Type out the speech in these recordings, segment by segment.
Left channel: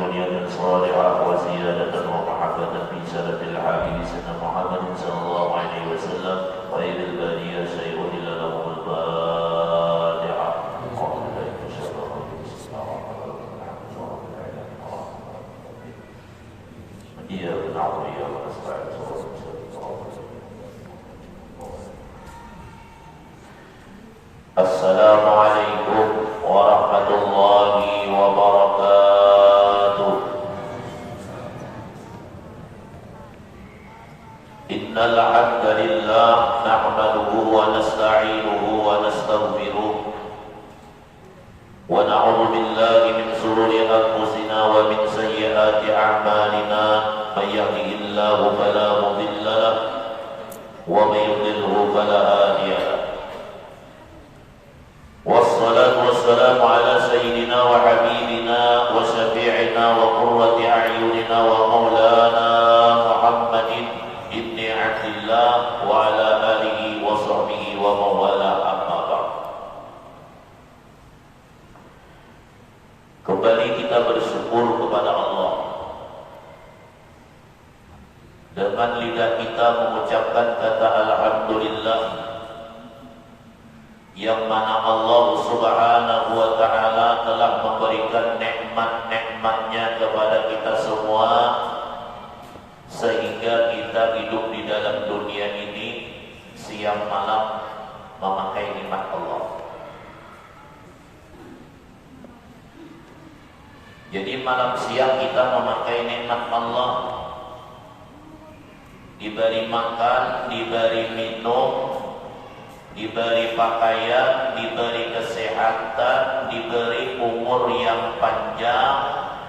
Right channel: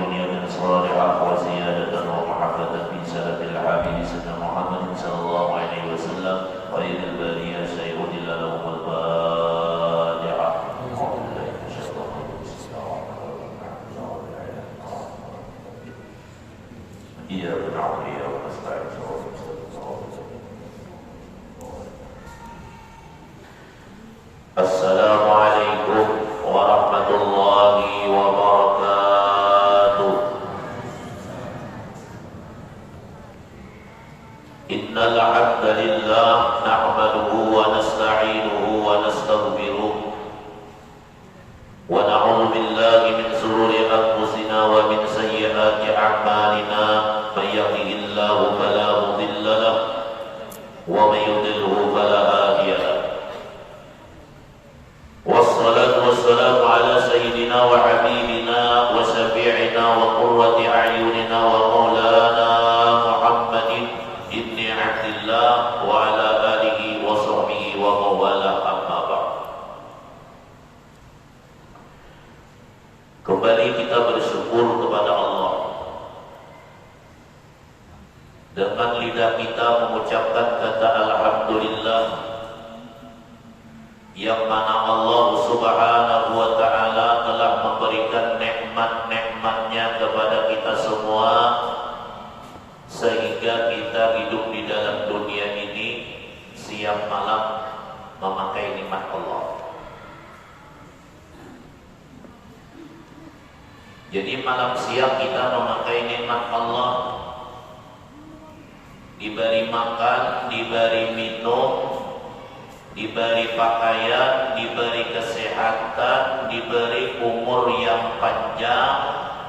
نية صالحة وزيادة ومحبة في سلف الحبيب سيدنا محمد صلى الله عليه وسلم وإذ البارية شيء إلا لهم الفاتحة. إياك نعبد وإياك نستعين. السلام عليكم ورحمة الله وبركاته. إن الحمد لله نحمده ونستعينه ونستغفره ونعوذ بالله من شرور أنفسنا ومن سيئات أعمالنا من يهده الله فلا مضل له ومن يضلله فلا هادي له. والصلاة والسلام على سيدنا وحبيبنا وشفيعنا وقرة أعيننا ومولانا محمد بن عبد الله وعلى آله وصحبه ومن والاه أما بعد. Kembali kita bersyukur kepada Allah dengan lidah kita mengucapkan kata Alhamdulillah, yang mana Allah Subhanahu wa ta'ala telah memberikan nikmat-nikmatnya kepada kita semua sehingga kita hidup di dalam dunia ini siang malam memakai nikmat Allah. Jadi malam siang kita memakai nikmat Allah, diberi makan, diberi minum, diberi pakaian, diberi kesehatan, diberi umur yang panjang,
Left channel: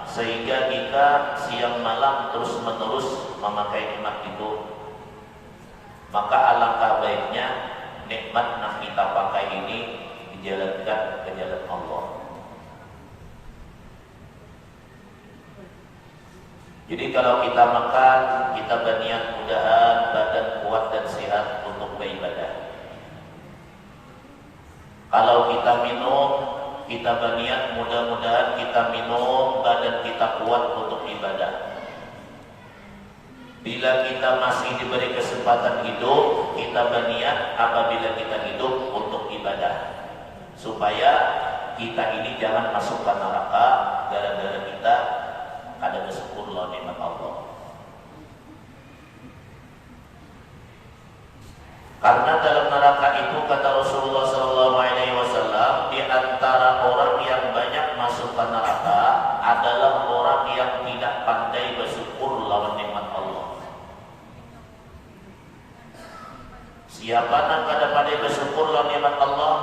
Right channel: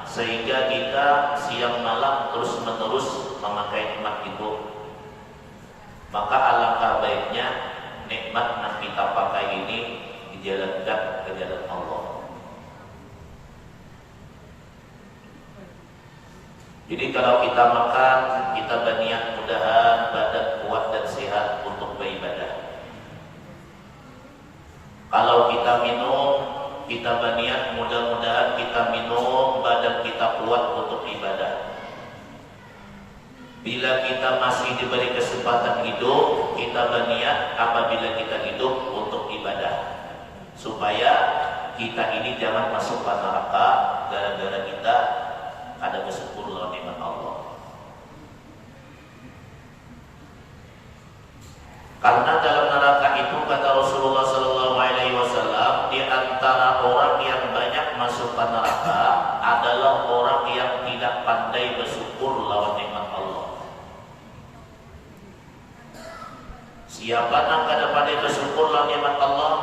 sehingga kita siang malam terus menerus memakai nikmat itu. Maka alangkah baiknya nikmat yang kita pakai ini dijalankan ke jalan Allah. Jadi kalau kita makan, kita berniat mudahan badan kuat dan sehat untuk beribadah. Kalau kita minum, kita berniat mudah-mudahan kita minum badan kita kuat untuk ibadah. Bila kita masih diberi kesempatan hidup, kita berniat apabila kita hidup untuk ibadah, supaya kita ini jangan masuk ke neraka gara-gara kita ada bersyukur nikmat Allah. Karena dalam neraka itu kata Rasulullah SAW, di antara orang yang banyak masuk ke neraka adalah orang yang tidak pandai bersyukur lawan nikmat Allah. Siapa yang tidak pandai bersyukur lawan nikmat Allah,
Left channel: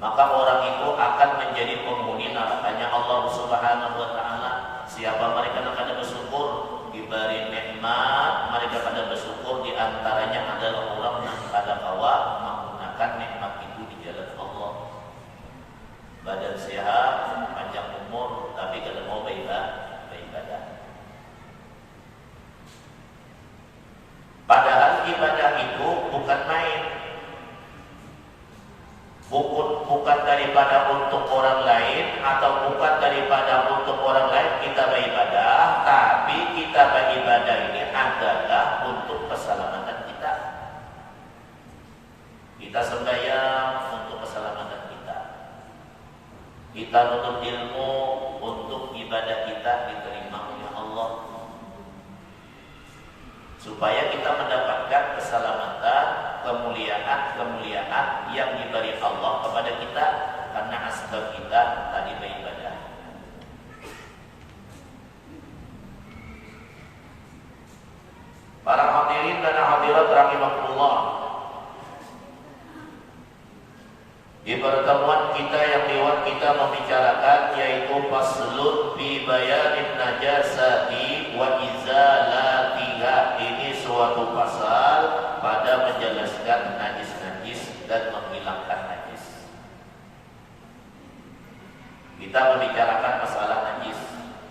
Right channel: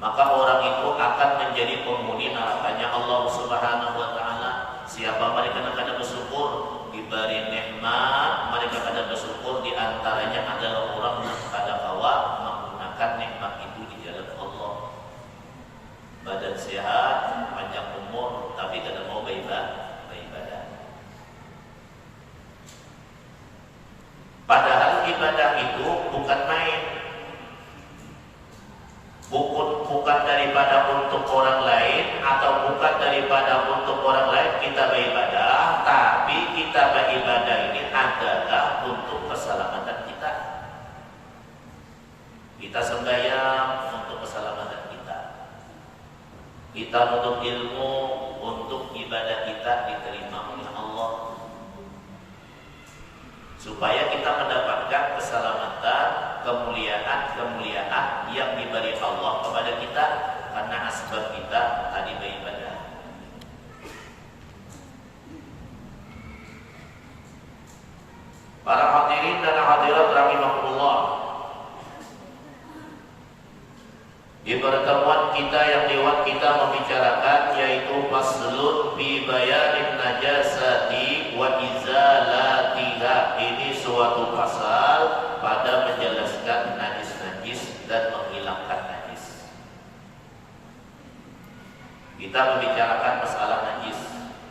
maka orang itu akan menjadi penghuni nerakanya Allah Subhanahu wa ta'ala. Siapa mereka yang tidak bersyukur diberi nikmat, mereka kada bersyukur, di antaranya adalah orang yang kada kawa menggunakan nikmat itu di jalan Allah. Badan sehat, panjang umur, tapi kada mau beribadah. Padahal ibadah itu bukan main, bukan daripada untuk orang lain atau bukan daripada untuk orang lain kita beribadah, tapi kita beribadah ini adalah untuk keselamatan kita. Kita sembahyang untuk keselamatan kita. Kita menuntut ilmu untuk ibadah kita diterima oleh Allah, supaya kita mendapatkan keselamatan, kemuliaan yang diberi Allah kepada kita karena asbab kita tadi beribadah. Para hadirin dan hadirat rahimakumullah, di pertemuan kita yang lewat kita membicarakan yaitu faslun fi bayanin najasati wa izalatiha. Ini suatu pasal pada menjelaskan najis-najis dan menghilangkan najis. Kita membicarakan masalah najis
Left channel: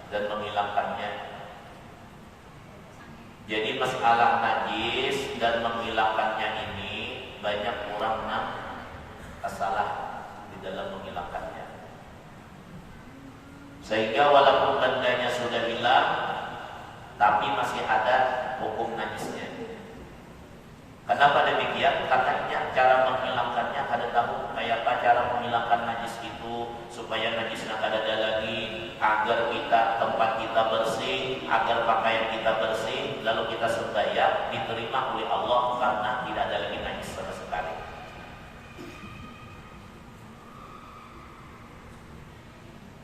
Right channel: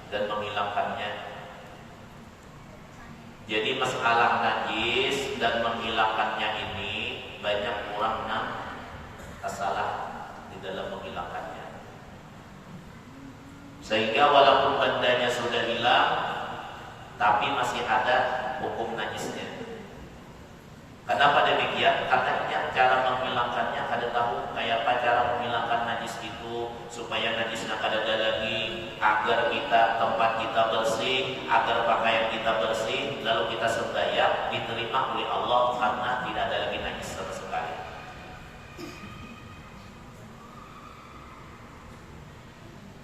dan menghilangkannya. Jadi masalah najis dan menghilangkannya ini banyak orang yang salah di dalam menghilangkannya. Sehingga walaupun bendanya sudah hilang, tapi masih ada hukum najisnya. Kenapa demikian? Katanya cara menghilangkannya ada tahu kayak apa cara menghilangkan najis itu supaya najisnya kada ada lagi, agar tempat kita bersih, agar pakaian kita bersih, lalu kita sembahyang diterima oleh Allah karena tidak ada lagi najis sama sekali.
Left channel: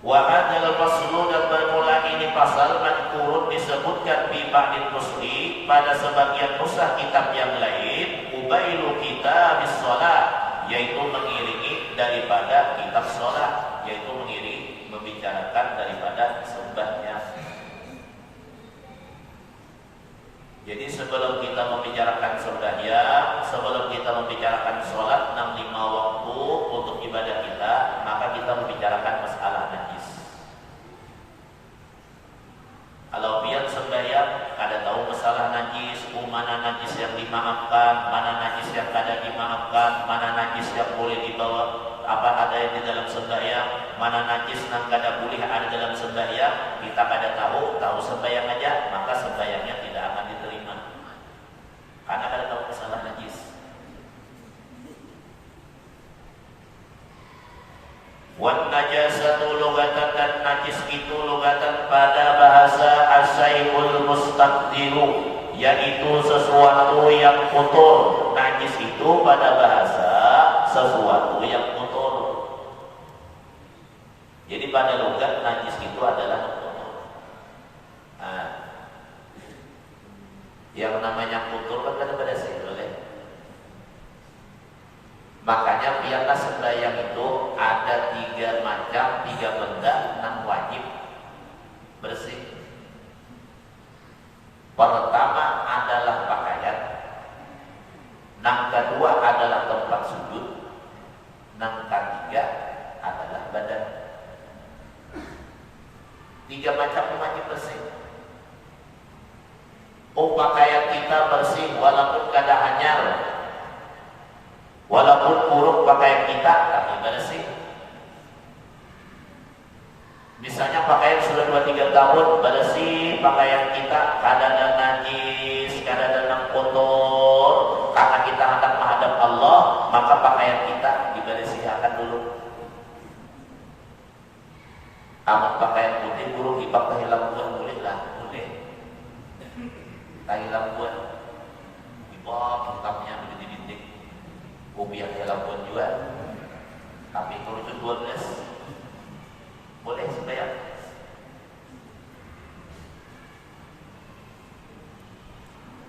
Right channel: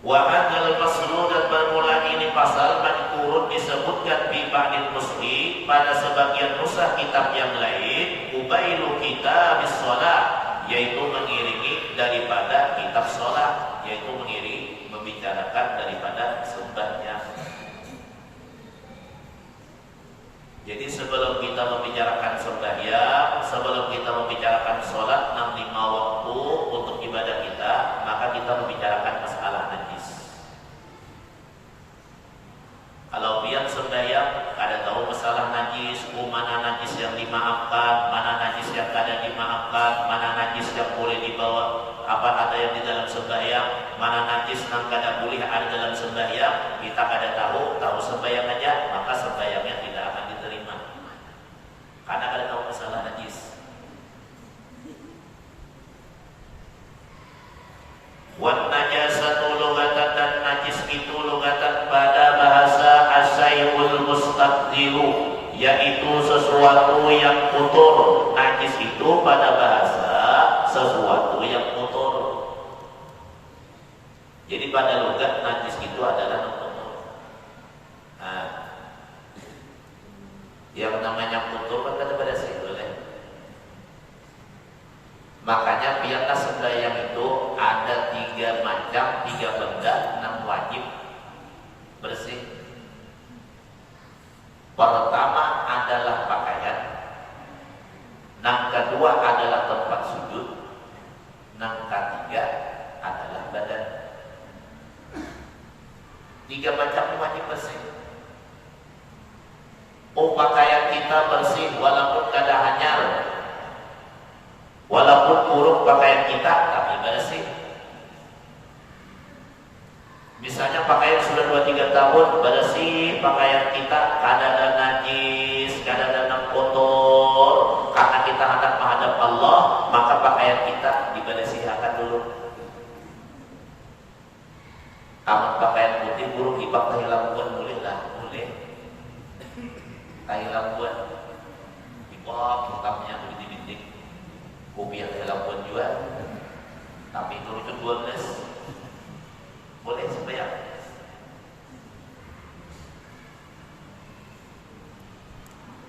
Wa hadzal faslu, dan bermula ini pasal madkurun disebutkan di ba'dil nusri pada sebagian nusah kitab yang lain, ubailu kita bis shalah, yaitu mengiringi daripada kitab shalah, yaitu mengiringi membicarakan daripada sembahyang. Jadi sebelum kita membicarakan sembahyang, sebelum kita membicarakan sholat 65 waktu untuk ibadah kita, maka kita membicarakan masalah najis. Kalau dia sembahyang, ada tahu masalah najis, mana najis yang dimaafkan, mana najis yang kada dimaafkan, mana najis yang boleh dibawa, ada yang di dalam sembahyang, mana najis yang kada boleh ada dalam sembahyang, kita kada tahu sembahyang aja, maka sembahyangnya tidak akan diterima. Karena kada tahu masalah najis. Wan najasatu lugatan, dan najis itu lugatan pada bahasa asyai'ul mustaqdiru, yaitu sesuatu yang kotor. Najis itu pada bahasa sesuatu yang kotor. Jadi pada logat najis itu adalah kotor. Nah, yang namanya kotor kan kada pada boleh. Makanya biarlah sembahyang itu ada 3 macam, 3 benda yang wajib bersih. Pertama adalah pakaian, yang kedua adalah tempat sujud, yang ketiga adalah badan. 3 macam wajib bersih. Pakaian kita bersih walaupun kada hanyar, walaupun buruk pakaian kita tapi bersih. Misalnya pakaian sudah 2-3 tahun bersih, pakaian kita kada ada najis, kada ada kotor, karena kita hendak menghadap Allah, maka pakaian kita dibersihkan dulu. Amat pakaian putih buruk ipak tahilang bulan boleh lah, boleh. Tahilang bulan ipak hitamnya di dinding. Kopi yang tahilang bulan juga. Tapi turun 12 boleh sembahyang.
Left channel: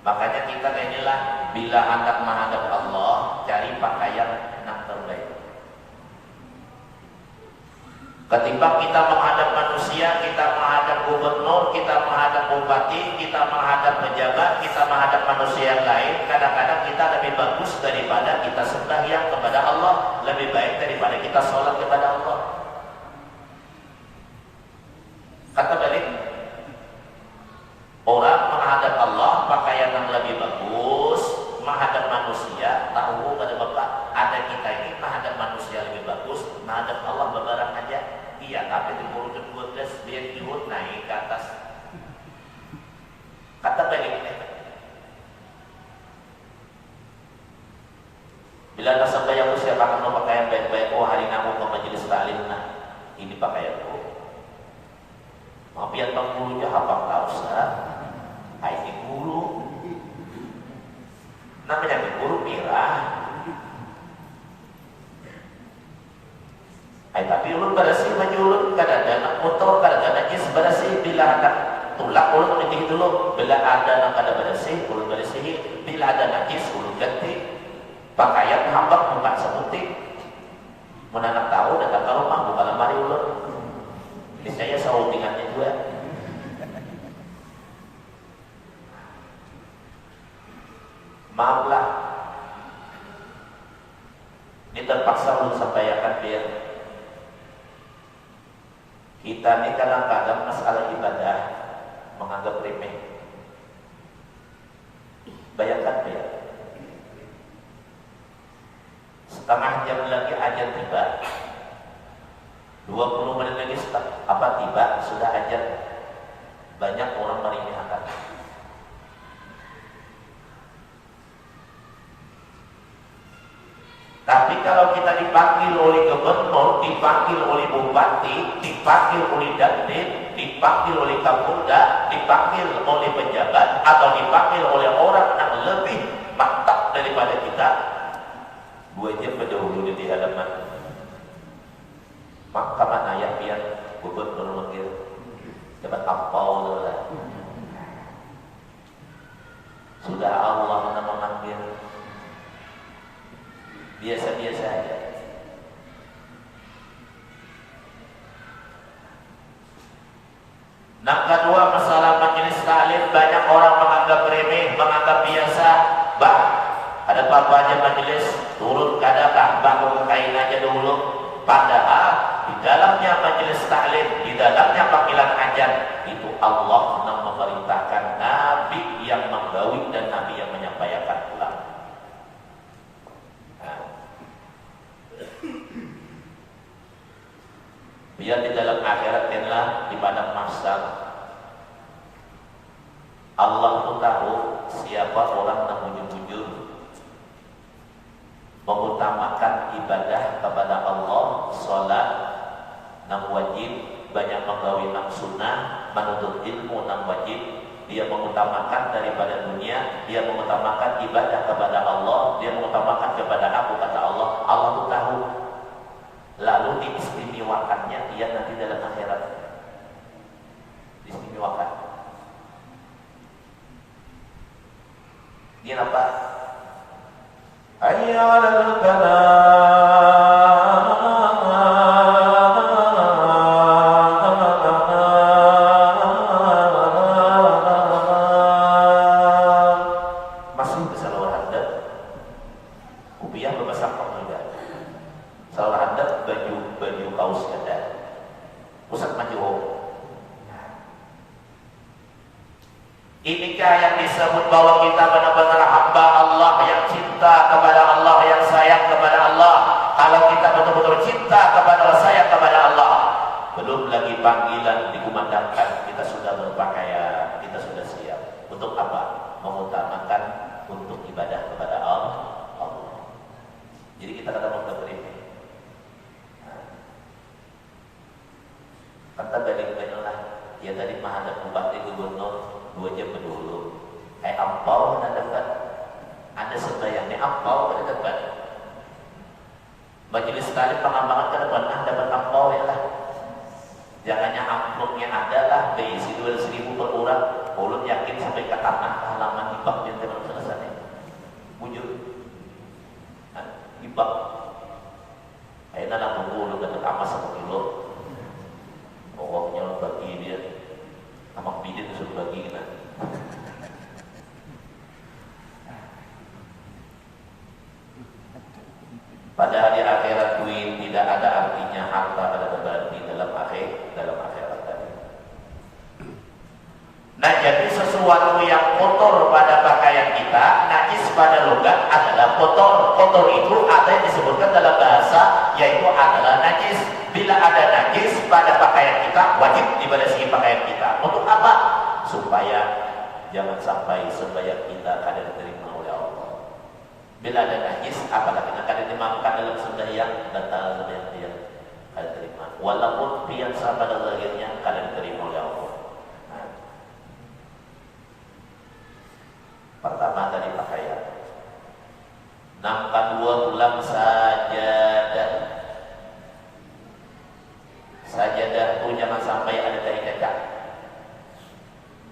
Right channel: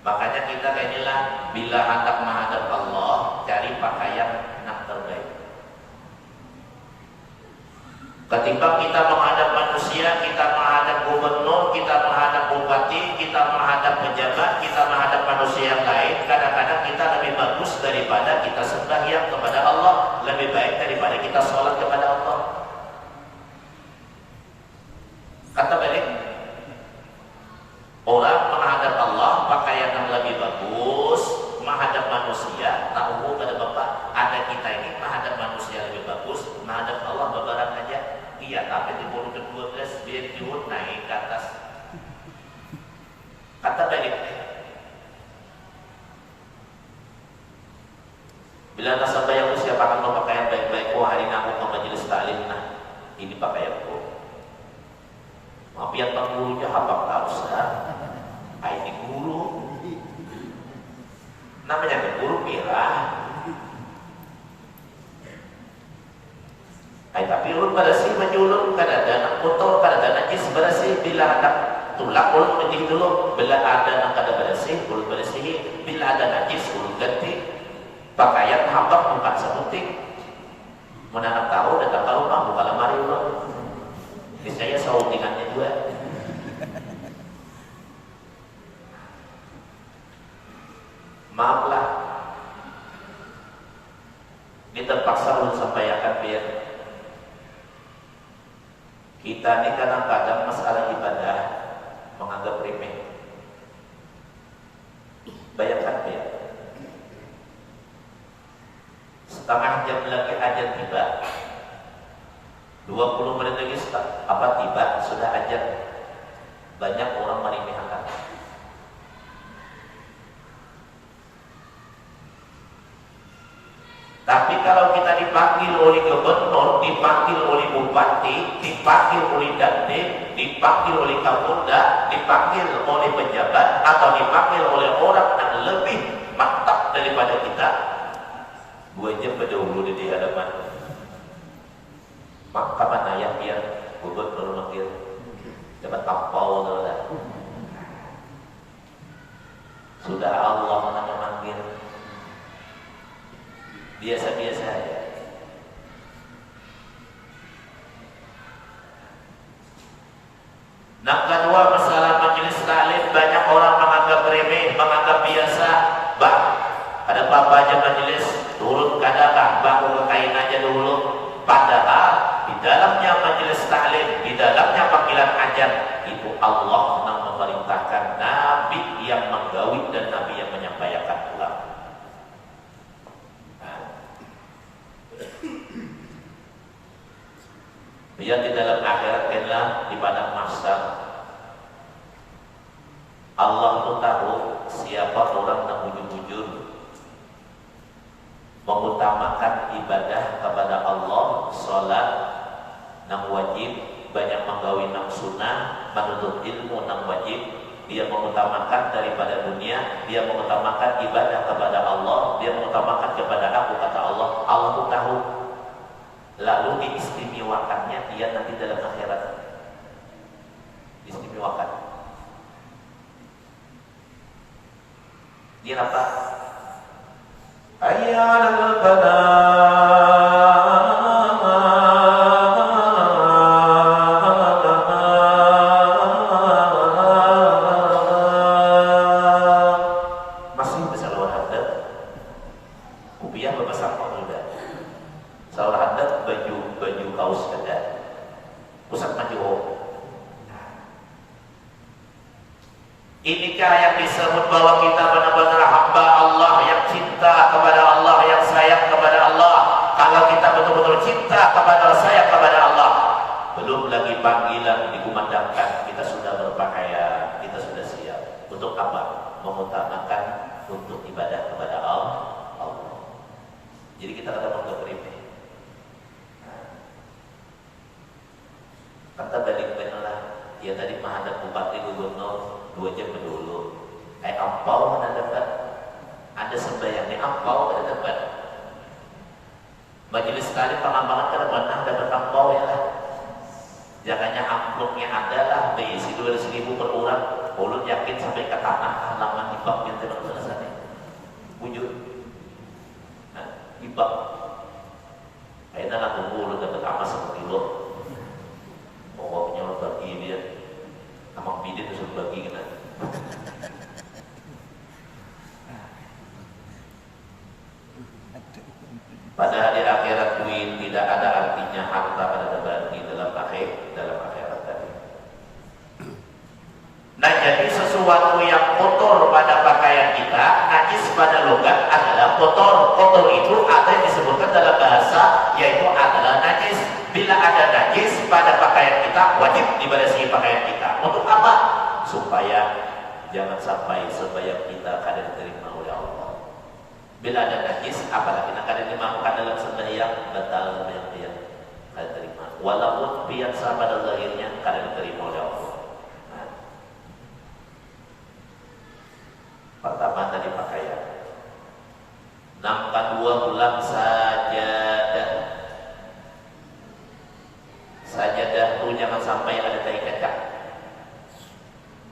Makanya kita inilah bila hendak menghadap Allah, cari pakaian yang terbaik. Ketimbang kita menghadap manusia, kita menghadap gubernur, kita menghadap bupati, kita menghadap pejabat, kita menghadap manusia yang lain, kadang-kadang kita lebih bagus daripada kita sembahyang kepada Allah, lebih baik daripada kita sholat kepada Allah. Kata balik, orang menghadap Allah pakaian yang lebih bagus, menghadap manusia, tahu ada bapak, ada kita ini menghadap manusia lebih bagus, menghadap Allah bebarang aja. Iya, tapi di burung 12 dia turun naik ke atas. Kata balik, bila nasabah yang usia pakai pakaian baik-baik, oh hari ini aku ke majelis taklim, nah ini pakaianku. Biar penggulunya hafal harusnya. Ini guru. Namanya guru merah. Tapi ulun bersih menyulut kadang-kadang kotor, kadang-kadang najis bersih. Bila ada tulak ulun ganti dulu. Bila ada yang kada bersih, ulun bersih. Bila ada najis ulun ganti. Pakaian hafal bukan semuting. Mana tahu datang ke rumah buka lemari ulun. Ini saya saudingannya juga. Maaflah, ini terpaksa ulun sampaikan biar kita ini karena pada masalah ibadah menganggap remeh. Bayangkan ya, setengah jam lagi ajan tiba, 20 menit lagi apa tiba sudah ajar. Banyak orang meremehkan. Tapi kalau kita dipanggil oleh gubernur, dipanggil oleh bupati, dipanggil oleh dandim, dipanggil oleh kapolda, dipanggil oleh pejabat, atau dipanggil oleh orang yang lebih mantap daripada kita, gue aja berdahulu di hadapan. Maka mana ayah yang gubernur memanggil dapat tampau lah. Sudah Allah memanggil. Biasa-biasa aja. Nah, kedua masalah majelis taklim, banyak orang menganggap remeh, menganggap biasa. Bang, ada apa aja majelis, turun kadang bangun kain aja dulu. Padahal di dalamnya majelis taklim, di dalamnya panggilan ajar, itu Allah memerintahkan Nabi yang menggawi dan Nabi yang menyampaikan pulang. Dia di dalam akhirat adalah di padang mahsyar. Allah itu tahu siapa orang yang jujur mengutamakan ibadah kepada Allah, salat yang wajib, banyak menggawi yang sunnah, menuntut ilmu yang wajib. Dia mengutamakan daripada dunia, dia mengutamakan ibadah kepada Allah, dia mengutamakan kepada aku, kata Allah. Allah itu tahu. Lalu diistimewakannya dia nanti dalam akhirat. Diistimewakan. Dia apa? Ayyalal masih bisa lawan hadap. Kupiah berbahasa pemuda. Salah hadap baju kaos ada. Pusat maju. Inikah yang disebut bahwa kita benar-benar hamba Allah yang cinta kepada Allah, yang sayang kepada Allah. Kalau kita betul-betul cinta kepada sayang kepada Allah, belum lagi panggilan dikumandangkan, kita sudah berpakaian, kita sudah siap. Untuk apa? Mengutamakan untuk ibadah kepada Allah. Jadi kita ada waktu ini. Kata balik-balik lah. Ya tadi menghadap bupati gubernur 2 jam dulu. Ampau mana dekat? Ada sembahyangnya ampau pada dekat. Majelis sekali pengambangan ke depan dapat ampau ya lah. Jangannya amplopnya ada lah, diisi 200.000 per orang. Ulun yakin sampai ke tanah halaman ibak yang tidak selesai. Wujud. Ibak. Akhirnya lah tunggu dapat apa seperti lo. Pokoknya lo bagi dia. Amak bidin itu sudah bagi kita. Pada hari akhirat duit tidak ada artinya, harta ada berarti dalam akhirat tadi. Nah, jadi sesuatu yang kotor pada pakaian kita, najis pada logat adalah kotor. Kotor itu ada yang disebutkan dalam bahasa, yaitu adalah najis. Bila ada najis pada pakaian kita, wajib dibersihi pakaian kita. Untuk apa? Supaya jangan sampai sembahyang kita kada diterima oleh Allah. Bila ada najis, apalagi kada dimaafkan dalam sembahyang, batal sembahyang dia kada terima. Walaupun biasa pada lahirnya kada diterima oleh Allah. Nah. Pertama tadi pakaian. Nampak 2 bulan sajadah itu jangan sampai ada dari cacat.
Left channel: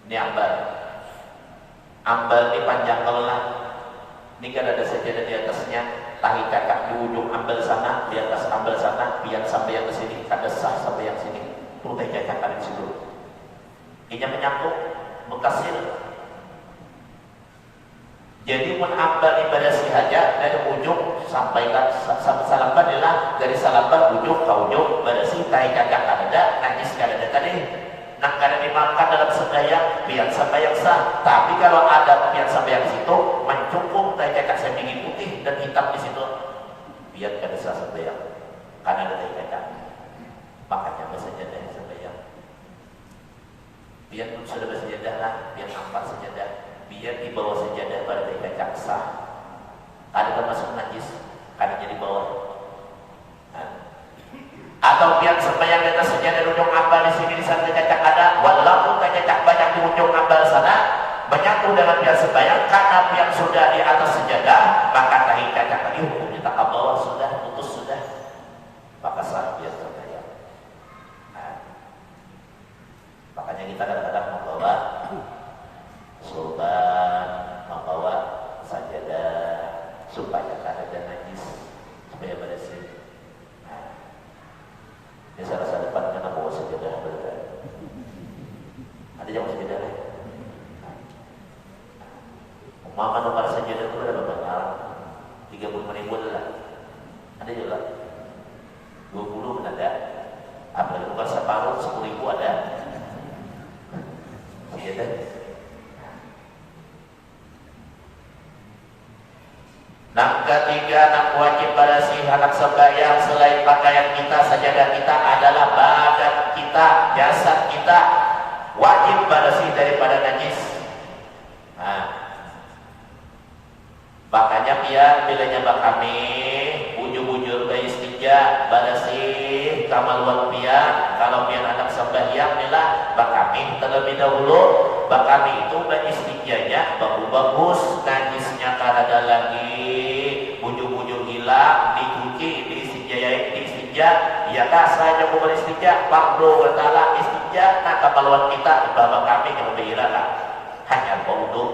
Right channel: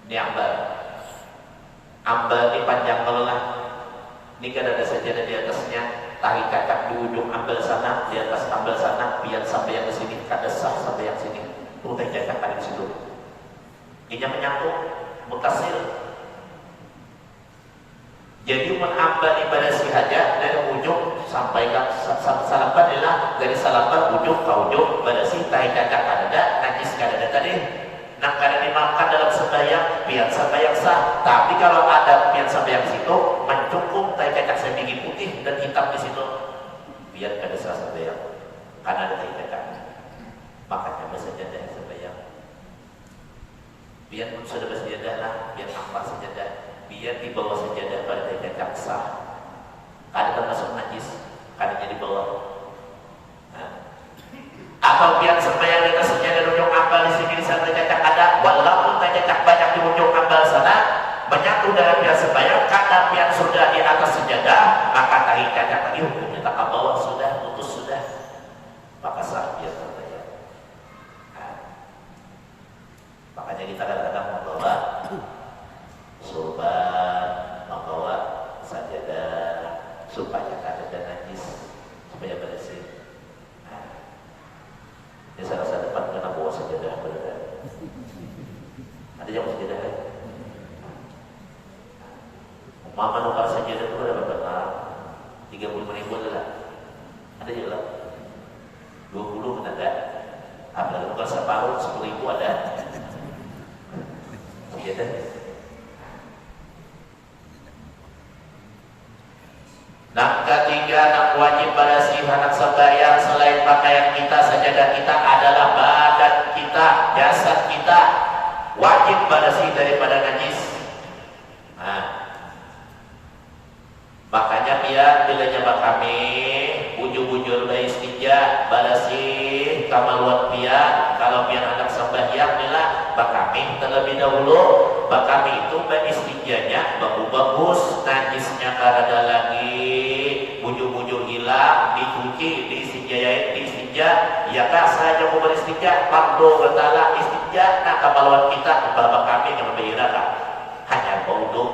Ini ambar ini panjang lelah. Ini kan ada sajadah di atasnya, tali kakak di ujung ambil sana, di atas ambil sana, biar sampai yang ke sini, ada sah sampai yang sini. Udah cetakan di situ. Ini menyangkut mutasir. Jadi menambah ibadah hajat dari ujung sampai salapan adalah dari salapan ujung ke ujung bersih tai kakak ada najis kada tadi. Nak kada dimakan dalam sembahyang biar sembahyang sah. Tapi kalau ada biar sembahyang situ mencukup tai kakak sedikit putih dan hitam di situ biar kada sah sembahyang karena ada tai kakak. makanya bersajadah sebayang. Biar sudah bersajadah lah, biar nampak sajadah, biar di bawah sajadah pada tidak sah. Ada termasuk najis, kalinya di bawah. Atau biar supaya kita sejadah ujung ambal di sini sana cacak ada, walaupun tak cacak banyak di ujung ambal sana, menyatu dalam biar sebayang karena biar sudah di atas sejadah, maka tahi cacak lagi kita ke bawah sudah putus sudah, maka sah biar terbayang. Makanya kita kadang-kadang membawa sorban, membawa sajadah supaya kada ada najis, supaya bersih. Ini salah depan kena bawa sajadah benar. Ada yang sajadah lagi. Mama nukar sajadah itu adalah benar. 35.000 adalah. Ada juga. 20 ada. Ada nukar separuh 10.000 ada. Sajadah. Nak ketiga, nak wajib pada si anak sembahyang selain pakaian kita, sajadah kita adalah badan kita, jasad kita, wajib pada si daripada najis. Makanya dia bila nyapa kami bujur-bujur beristinja pada si kamaluan dia, kalau biar anak sembahyang nila bakami terlebih dahulu, bakami itu beristinjanya bagus, najisnya karada lagi, bujur-bujur hilang, dicuci, diistinja, ya kah saya mau beristinja, fardu betala istinja, nah kamaluan kita bapak kami yang berbeda hanya baudu,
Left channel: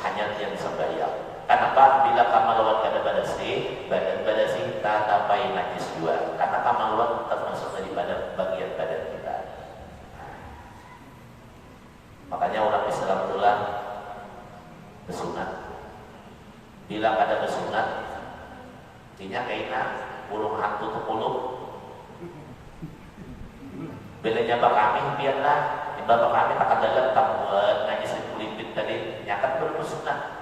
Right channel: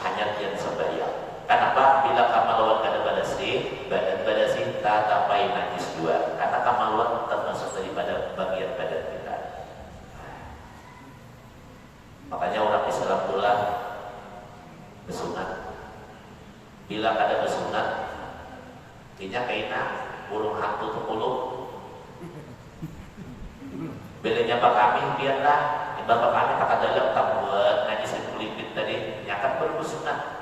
hanya yang sembahyang. Kenapa? Bila kamaluan kada badasi, badan badasi tak tapai najis dua. Karena kamaluan termasuk dari bagian badan kita. Makanya orang Islam itulah bersunat. Bila ada bersunat, artinya kainan burung hantu terpuluh. Bilanya kami biarlah, bapak kami tak ada letak buat najis itu lipit tadi, nyata bersunat.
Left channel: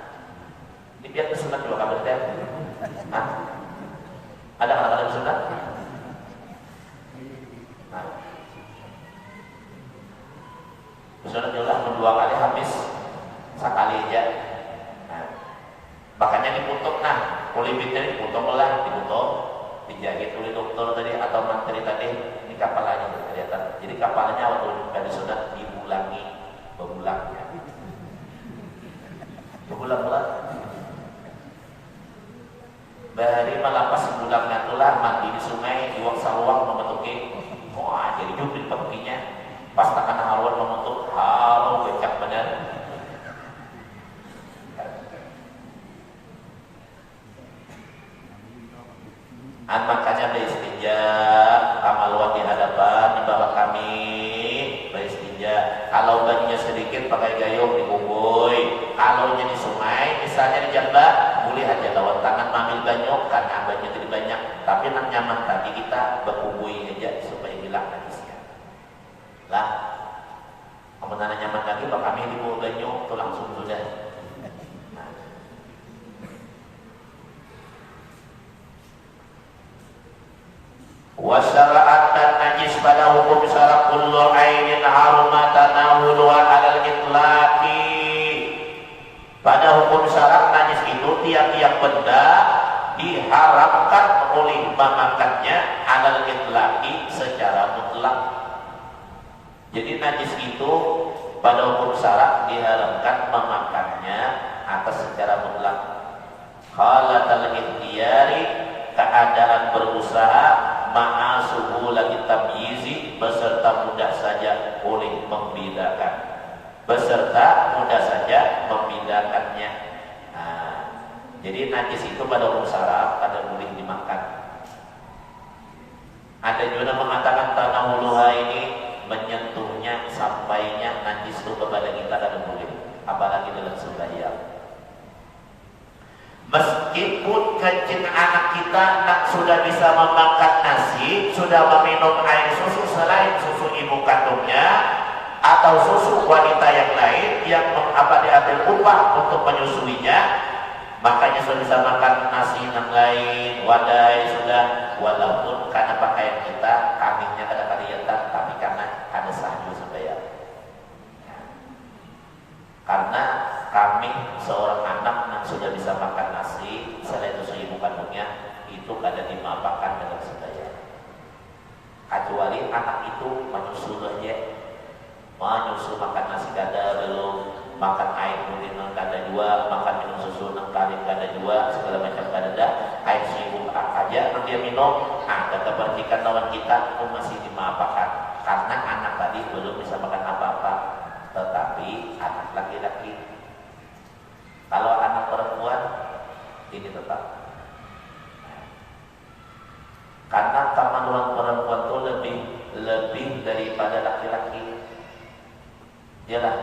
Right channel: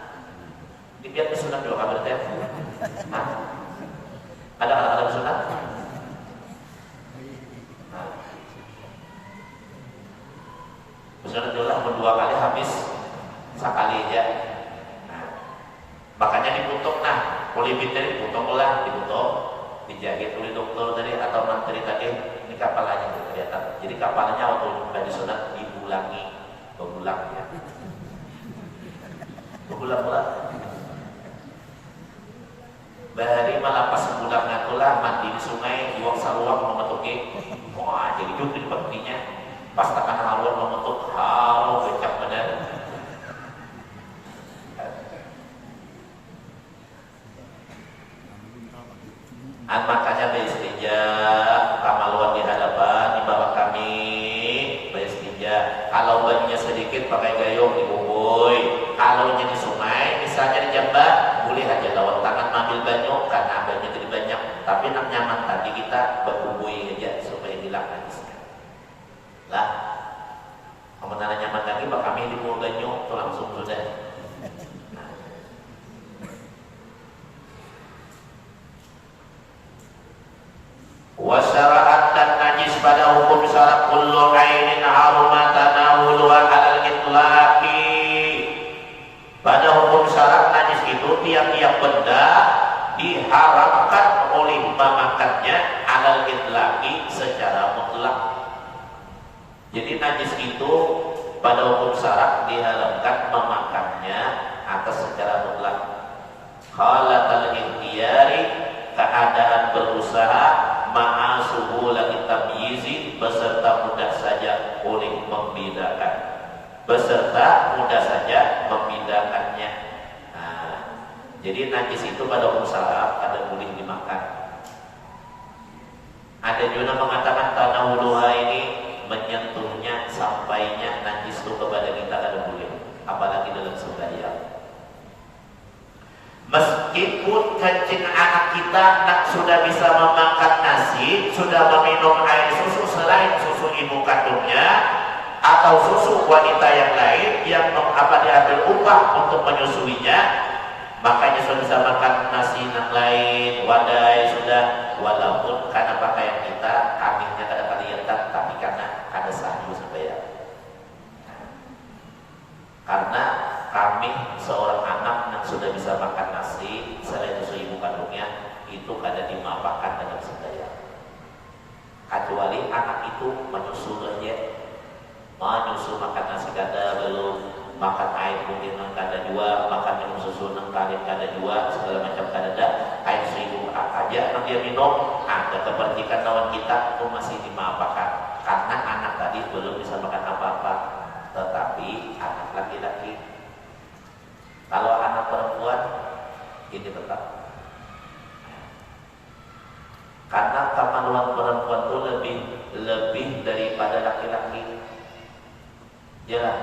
Ini biar kesunat dulu kabar teh. Ada kata-kata kesunat? Kesunat dulu dua kali habis sekali aja. Makanya ditutup kulitnya ditutup lah, dijahit oleh dokter tadi atau mantri tadi. Ini kapalanya ternyata. Jadi kapalnya waktu tadi sunat dibulangi, berulang ya. Berulang-ulang. Dari malam pas bulangnya itulah mandi di sungai, buang saluang memetuki. Wah, jadi jumlah pentingnya. Pas tekan haluan memetuk, becak benar. Makanya beristinja, kamaluan di hadapan di bawah kami beristinja. Kalau bannya sedikit pakai gayung dibubui. Kalau jadi sungai, misalnya di Jambat, boleh aja lawan tangan ambil banyak karena banyak jadi banyak. Tapi nak nyaman tadi kita berbubui aja supaya hilang najisnya. Lah, kemudian nyaman lagi, pak kami di bawah banyak itu langsung sudah. Wasyara'at dan najis pada hukum syarat kullu ainin haruma tanawuluha alal itlaqi. Pada hukum syarat najis itu tiap-tiap benda diharamkan oleh memakannya alal itlaqi secara mutlak. Jadi najis itu pada hukum syarat diharamkan memakannya atas secara mutlak. Halatal ikhtiyari, keadaan berusaha, ma'asuhu lagi tamyizi, beserta mudah saja boleh membedakan, beserta mudah saja membedakannya. Jadi najis itu pada hukum syarab ada boleh dimakan. Ada juga mengatakan tanah huluha ini menyentuhnya, sampainya najis itu kepada kita ada boleh, apalagi dalam sembahyang. Meskipun kencing anak kita nak sudah bisa memakan nasi, sudah meminum air susu selain susu ibu kandungnya atau susu wanita yang lain yang diambil upah untuk menyusuinya, makanya sudah bisa makan nasi yang lain, wadai sudah, walaupun karena pakaian kita anginnya kadang-kadang yang itu kada dimaafkan dalam sedaya. Kecuali anak itu menyusul aja, menyusul makan nasi kada belum, makan air putih nang kada dua, makan yang susu nang tarik kada dua, segala macam kada ada, air seribu aja nang dia minum, ada keberdikan lawan kita pun masih dimaafkan karena anak tadi belum bisa makan apa-apa. Tetapi anak laki-laki, kalau anak perempuan ini tetap, karena kemaluan perempuan itu lebih daripada laki-laki. Yalah.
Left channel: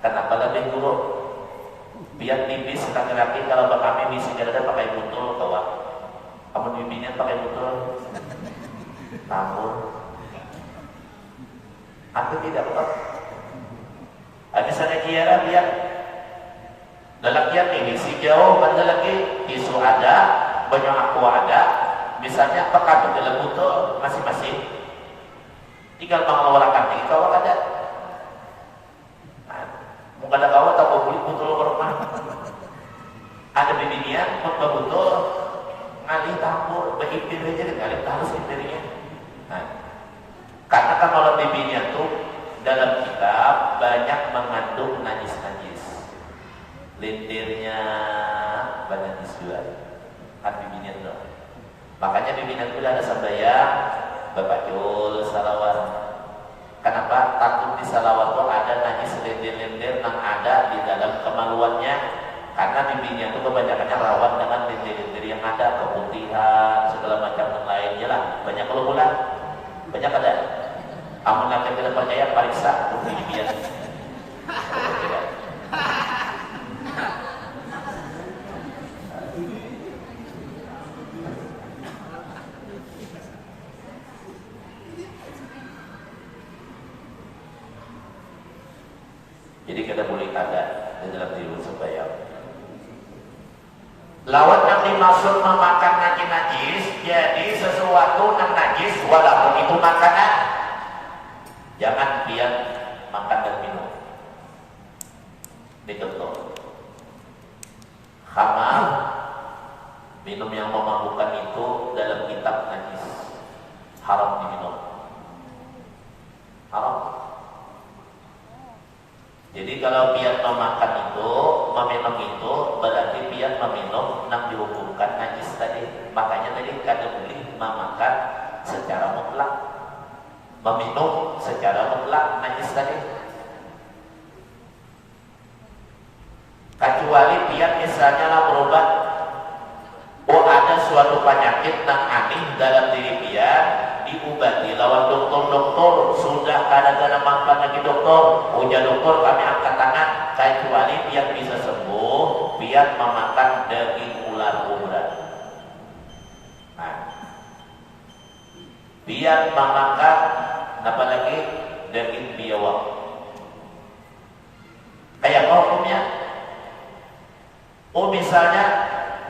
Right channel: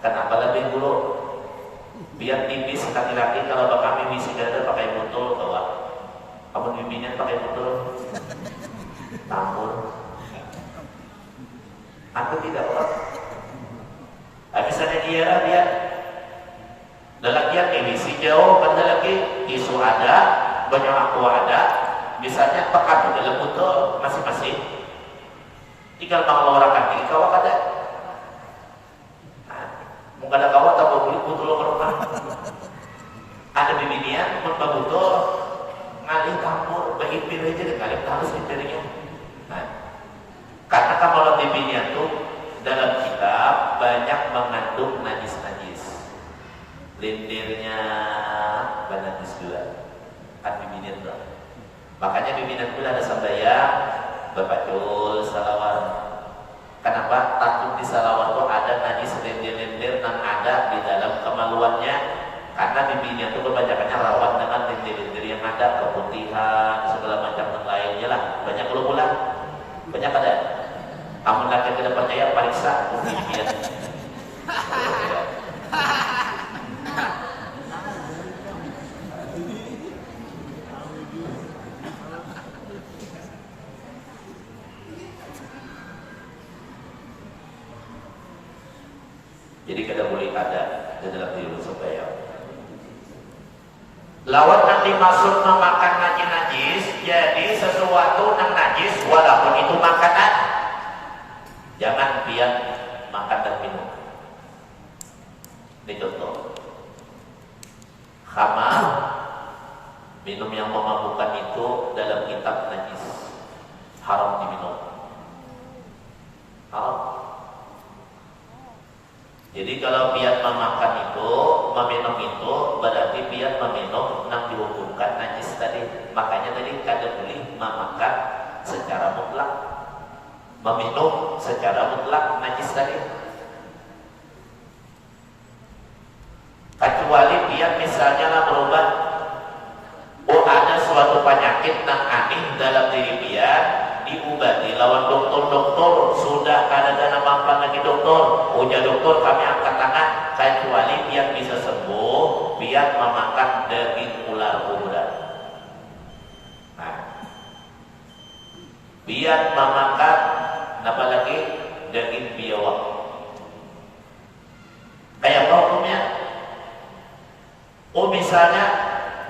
Kenapa lebih dulu? Biar tipis laki-laki kalau kami misi ada pakai botol kawan. Kamu bimbingnya pakai botol. Tahu. Aku tidak tahu. Misalnya kira biar lelaki yang ini si jauh kan lelaki isu ada, banyak aku ada. Misalnya apakah di dalam botol masing-masing? Tinggal mengeluarkan di kawak ada. Mungkin ada kawak tak boleh botol berapa? Ada bimbingan, botol ngalih campur, berhimpir aja dengan harus himpirnya. Nah, karena kalau bimbingan tuh dalam kitab banyak mengandung najis-najis. Lendirnya dan najis juga. Kan bimbingan tuh. Makanya bimbingan itu ada sabdaya Bapak Jul salawat. Kenapa? Takut di salawat itu ada najis lendir-lendir yang ada di dalam kemaluannya. Karena bimbingan itu kebanyakannya rawan dengan lendir-lendir yang ada, keputihan, segala macam yang lainnya lah. Banyak kelumuran, banyak ada. Kamu nanti tidak percaya periksa bimbingan. Jadi kada boleh ada di dalam diri supaya lawan nanti masuk memakan najis, jadi sesuatu yang najis walaupun itu makanan, jangan biar makan dan minum. Ini contoh. Khamar, minum yang memabukkan itu dalam kitab najis, haram diminum. Haram. Jadi kalau piat memakan itu, meminum itu, berarti piat meminum nak dihukumkan najis tadi. Makanya tadi kada boleh memakan secara mutlak, meminum secara mutlak najis tadi. Kecuali piat misalnya nak berobat, oh ada suatu penyakit yang aneh dalam diri piat, diobati lawan dokter sudah kada manfaat lagi dokter. Oh ya dokter kami angkat tangan. Kecuali biar bisa sembuh, biar memakan daging ular-ular. Nah, biar memakan apa lagi daging biawak. Kayak hukumnya? Oh misalnya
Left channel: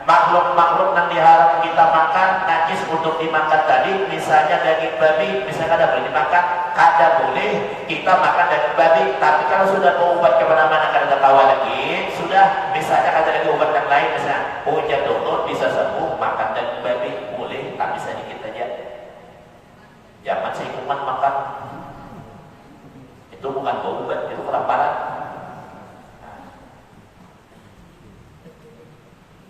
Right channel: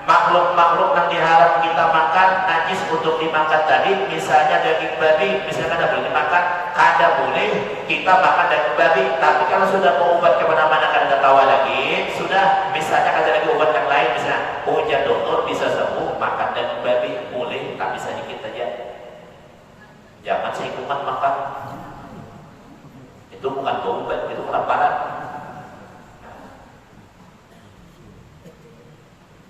makhluk-makhluk yang diharap kita makan najis untuk dimakan tadi, misalnya daging babi, misalnya kada boleh dimakan, kada boleh kita makan daging babi. Tapi kalau sudah berobat kemana-mana kada ada tawa lagi, sudah misalnya ada lagi obat yang lain, misalnya hujan dokter bisa sembuh, makan daging babi boleh, tapi sedikit aja. Jangan seikutan makan. Itu bukan obat, itu kelaparan.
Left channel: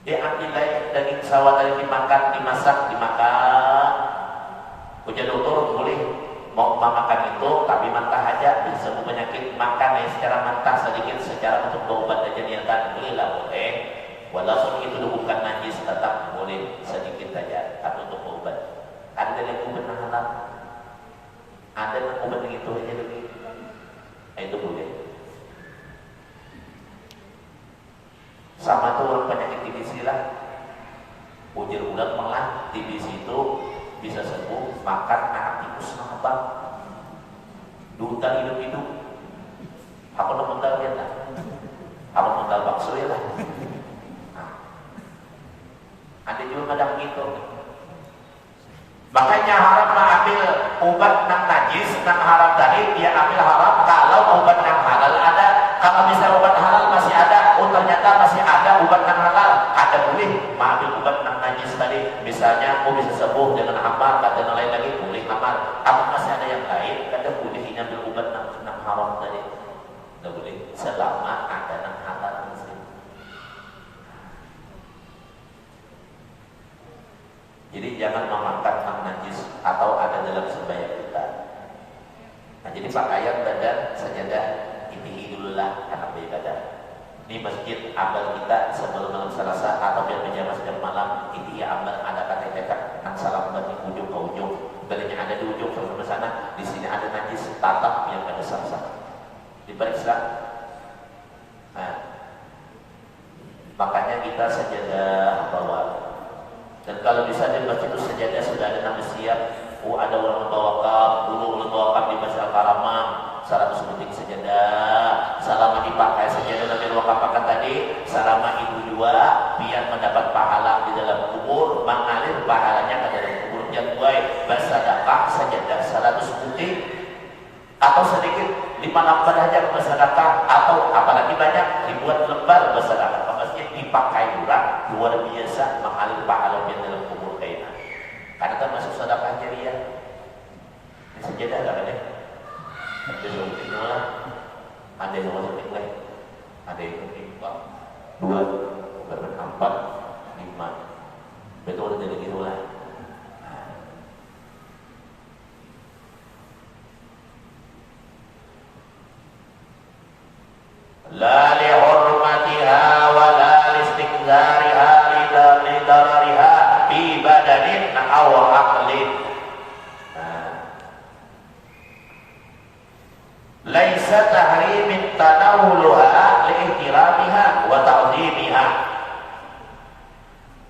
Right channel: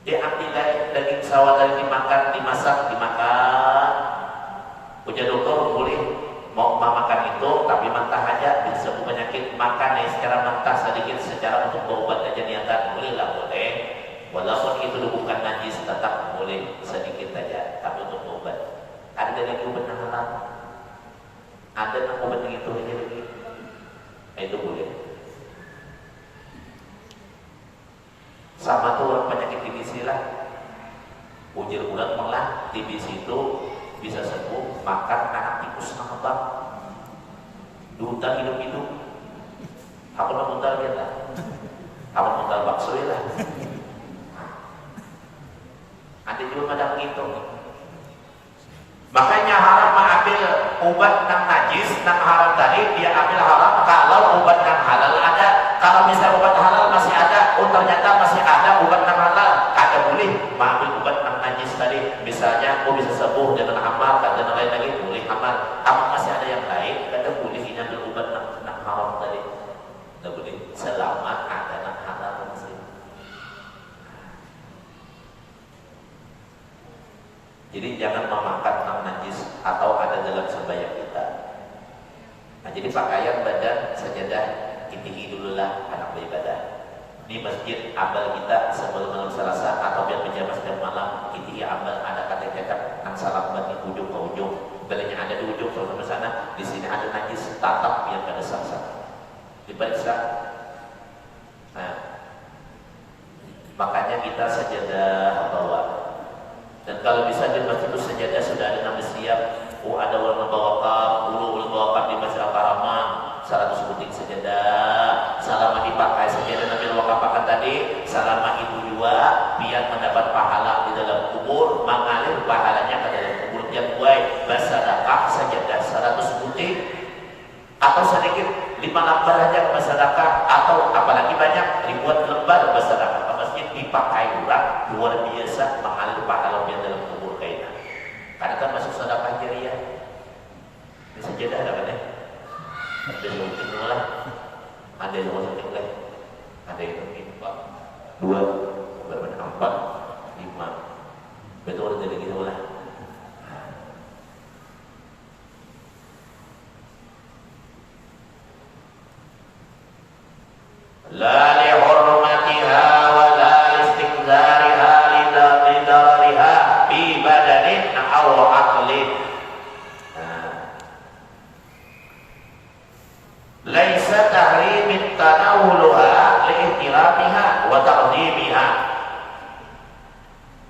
Dia ambil daging sawah tadi dimakan, dimasak, dimakan. Ujar dokter boleh mau makan itu, tapi mentah aja bisa penyakit. Makan ya sekarang mentah sedikit secara untuk berobat aja niatan boleh lah boleh. Walaupun itu bukan najis tetap boleh sedikit aja, tapi untuk berobat. Ada yang benar halal, ada yang obat yang itu aja lagi. Nah, itu boleh. Sama tuh penyakit TBC lah. Ujar urat malah TBC itu bisa sembuh makan anak tikus sama bang. Duta hidup-hidup. Apa lo mental dia lah? Kalau mental bakso ya lah. Nah. Ada belum ada gitu. Makanya haram mengambil obat yang najis, yang haram tadi dia ambil haram kalau obat yang halal ada. Kalau misalnya obat halal masih ada, oh ternyata masih ada obat yang halal, ada boleh mengambil obat yang najis tadi. misalnya aku bisa sembuh dengan amal, kata yang lain lagi boleh amal. Apa masih ada yang lain? Kata boleh ini berubat nak haram tadi. Tidak boleh selama ada nak halal masih. Jadi jangan memakan nak najis atau ada dalam sembahyang kita. Nah, jadi pakaian badan sajadah tinggi dululah anak beribadah. Ini masjid amal kita sebelum malam Selasa atau biar berjamaah setiap malam ini amal ada kata-kata nan salam dari ujung ke ujung. Bedanya ada di ujung ke sana, di sini ada najis tatap yang ada sasa. Diperiksa. Nah, makanya kita sajadah bawa. Dan kalau bisa di masjid itu sajadah sudah ada nama siap. Ada ulama tawakal, ulama tawakal di Masjid Al-Karaman. 100 detik sajadah, selama dipakai sajadah Nabi wakafakan tadi, selama ibu dua biar mendapat pahala di dalam kubur, mengalir pahalanya ke dalam kubur. Yang buai bersedekah sajadah 100 detik atau sedikit 5 lembar aja bersedekah, atau apalagi banyak ribuan lembar bersedekah ke masjid dipakai orang luar biasa mengalir pahala yang dalam kubur kayaknya. Karena termasuk sedekah jariah. Ini sajadah lah kan ya. Ada yang penting lah, ada yang penting lah, ada yang penting 2, 4, 5, betul jadi gitu lah. La li hurmatiha wa la istiqdariha li darariha fi badanin aw aqlin. Laisa tahrimin tanawuluha li'ikiramiha wa ta'zimiha.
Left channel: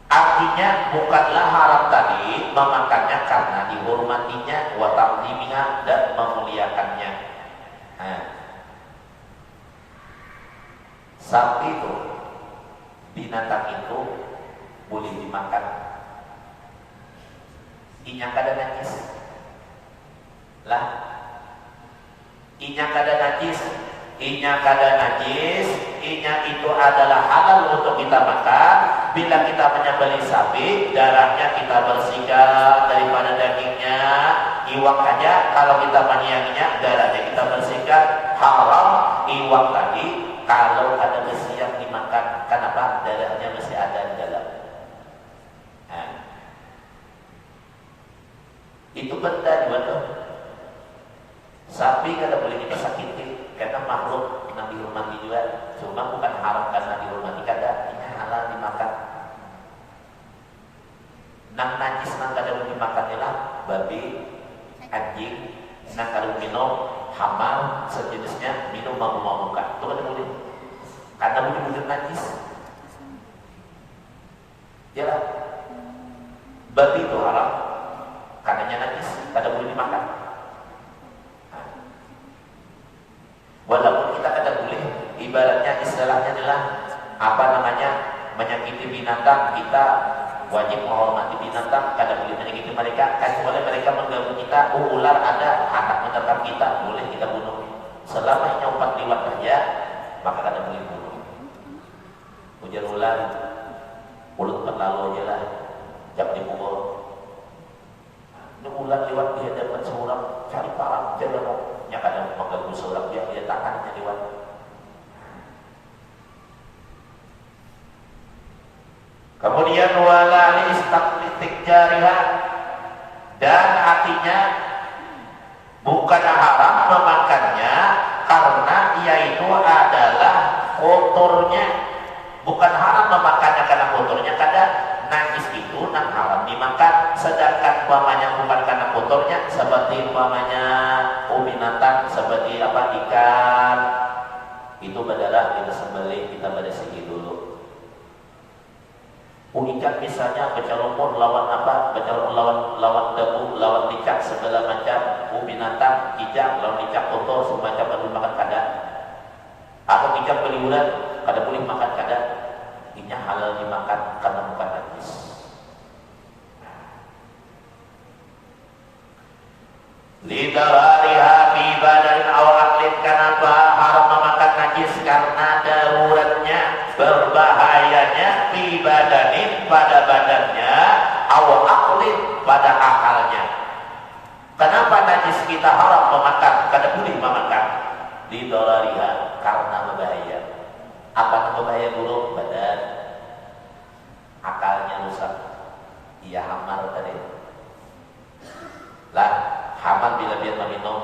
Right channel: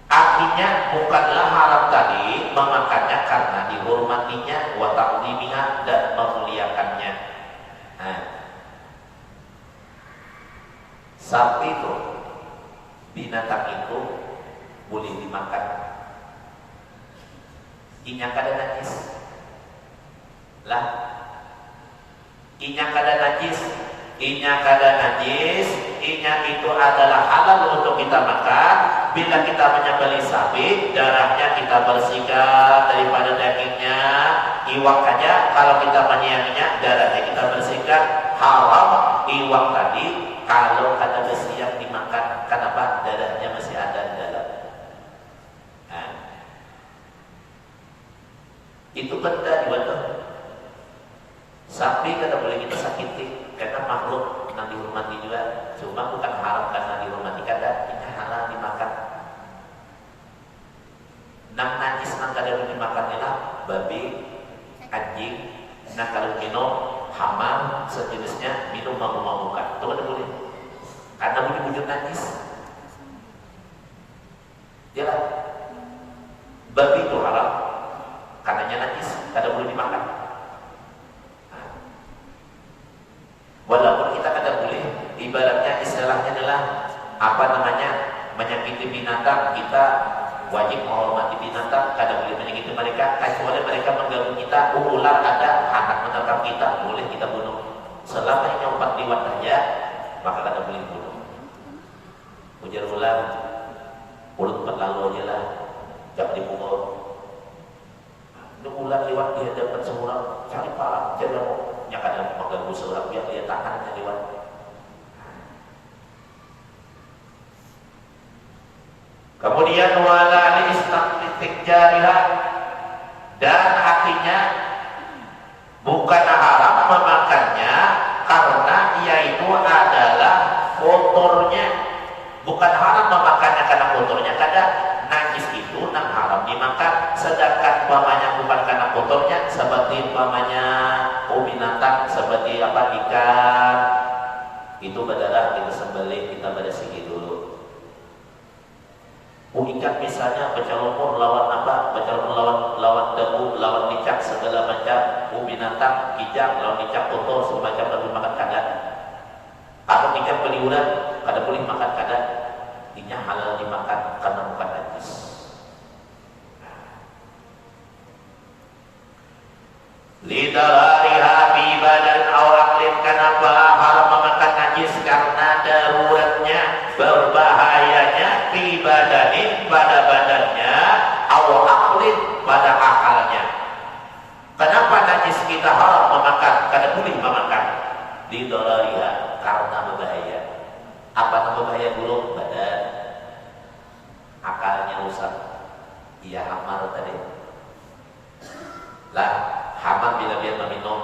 Artinya bukanlah haram tadi memakannya karena dihormatinya, wa ta'zimiha, dan memuliakannya. Nah, sapi itu, binatang itu boleh dimakan. Ingat ada najis lah. Inya kada najis, inya itu adalah halal untuk kita makan. Bila kita menyembelih sapi, darahnya kita bersihkan daripada dagingnya. Iwak aja kalau kita menyianginya, darahnya kita bersihkan. Haram iwak tadi kalau ada besi yang dimakan. Kenapa? Darahnya masih ada di dalam. Nah, itu benda betul. Sapi kada boleh kita sakiti karena makhluk yang dihormati juga. Cuma bukan haram karena dihormati, kada, ini halal dimakan. Nang najis nang kada boleh dimakan ialah babi, anjing. Nah kalau minum hamar sejenisnya, minum malu-malukan, itu kada boleh. Karena boleh wujud najis. Ialah babi itu haram karenanya najis, kada boleh dimakan. Walaupun kita kada boleh, ibaratnya istilahnya adalah apa namanya, menyakiti binatang, kita wajib menghormati binatang, kada boleh menyakiti mereka. Kecuali mereka mengganggu kita, ular ada, anak menerkam kita, boleh kita bunuh. Selama yang 4 liwat saja, maka kada boleh bunuh. Ujar ular, mulut terlalu aja lah, jam di pukul. Itu ular liwat di hadapan seorang, cari parah, jangan mau. Yang kadang mengganggu seorang dia tahan lewat. Kemudian wala istiqtik jariha, dan artinya bukan haram memakannya karena yaitu adalah kotornya. Bukan haram memakannya karena kotornya, kadang najis itu nang haram dimakan. Sedangkan umpamanya bukan karena kotornya, seperti umpamanya binatang seperti apa, ikan, itu berdarah kita sembelih, kita bersihkan dulu. Ikan misalnya bercampur lawan apa, bercampur lawan debu, lawan ikan segala macam. Binatang ikan lawan ikan kotor semacam boleh makan kada. Atau ikan peliuran kada boleh makan kada. Ini halal dimakan karena bukan najis. Lidarariha fi badan awaqlin, kenapa haram memakan najis? Karena daruratnya, berbahayanya fi badanin, pada badannya, awaq kita haram memakan, kada boleh memakan. Di dolariha karena berbahaya. Apa berbahaya dulu? Badan, akalnya rusak. Ia hamar tadi. Lah, hamar bila dia meminum,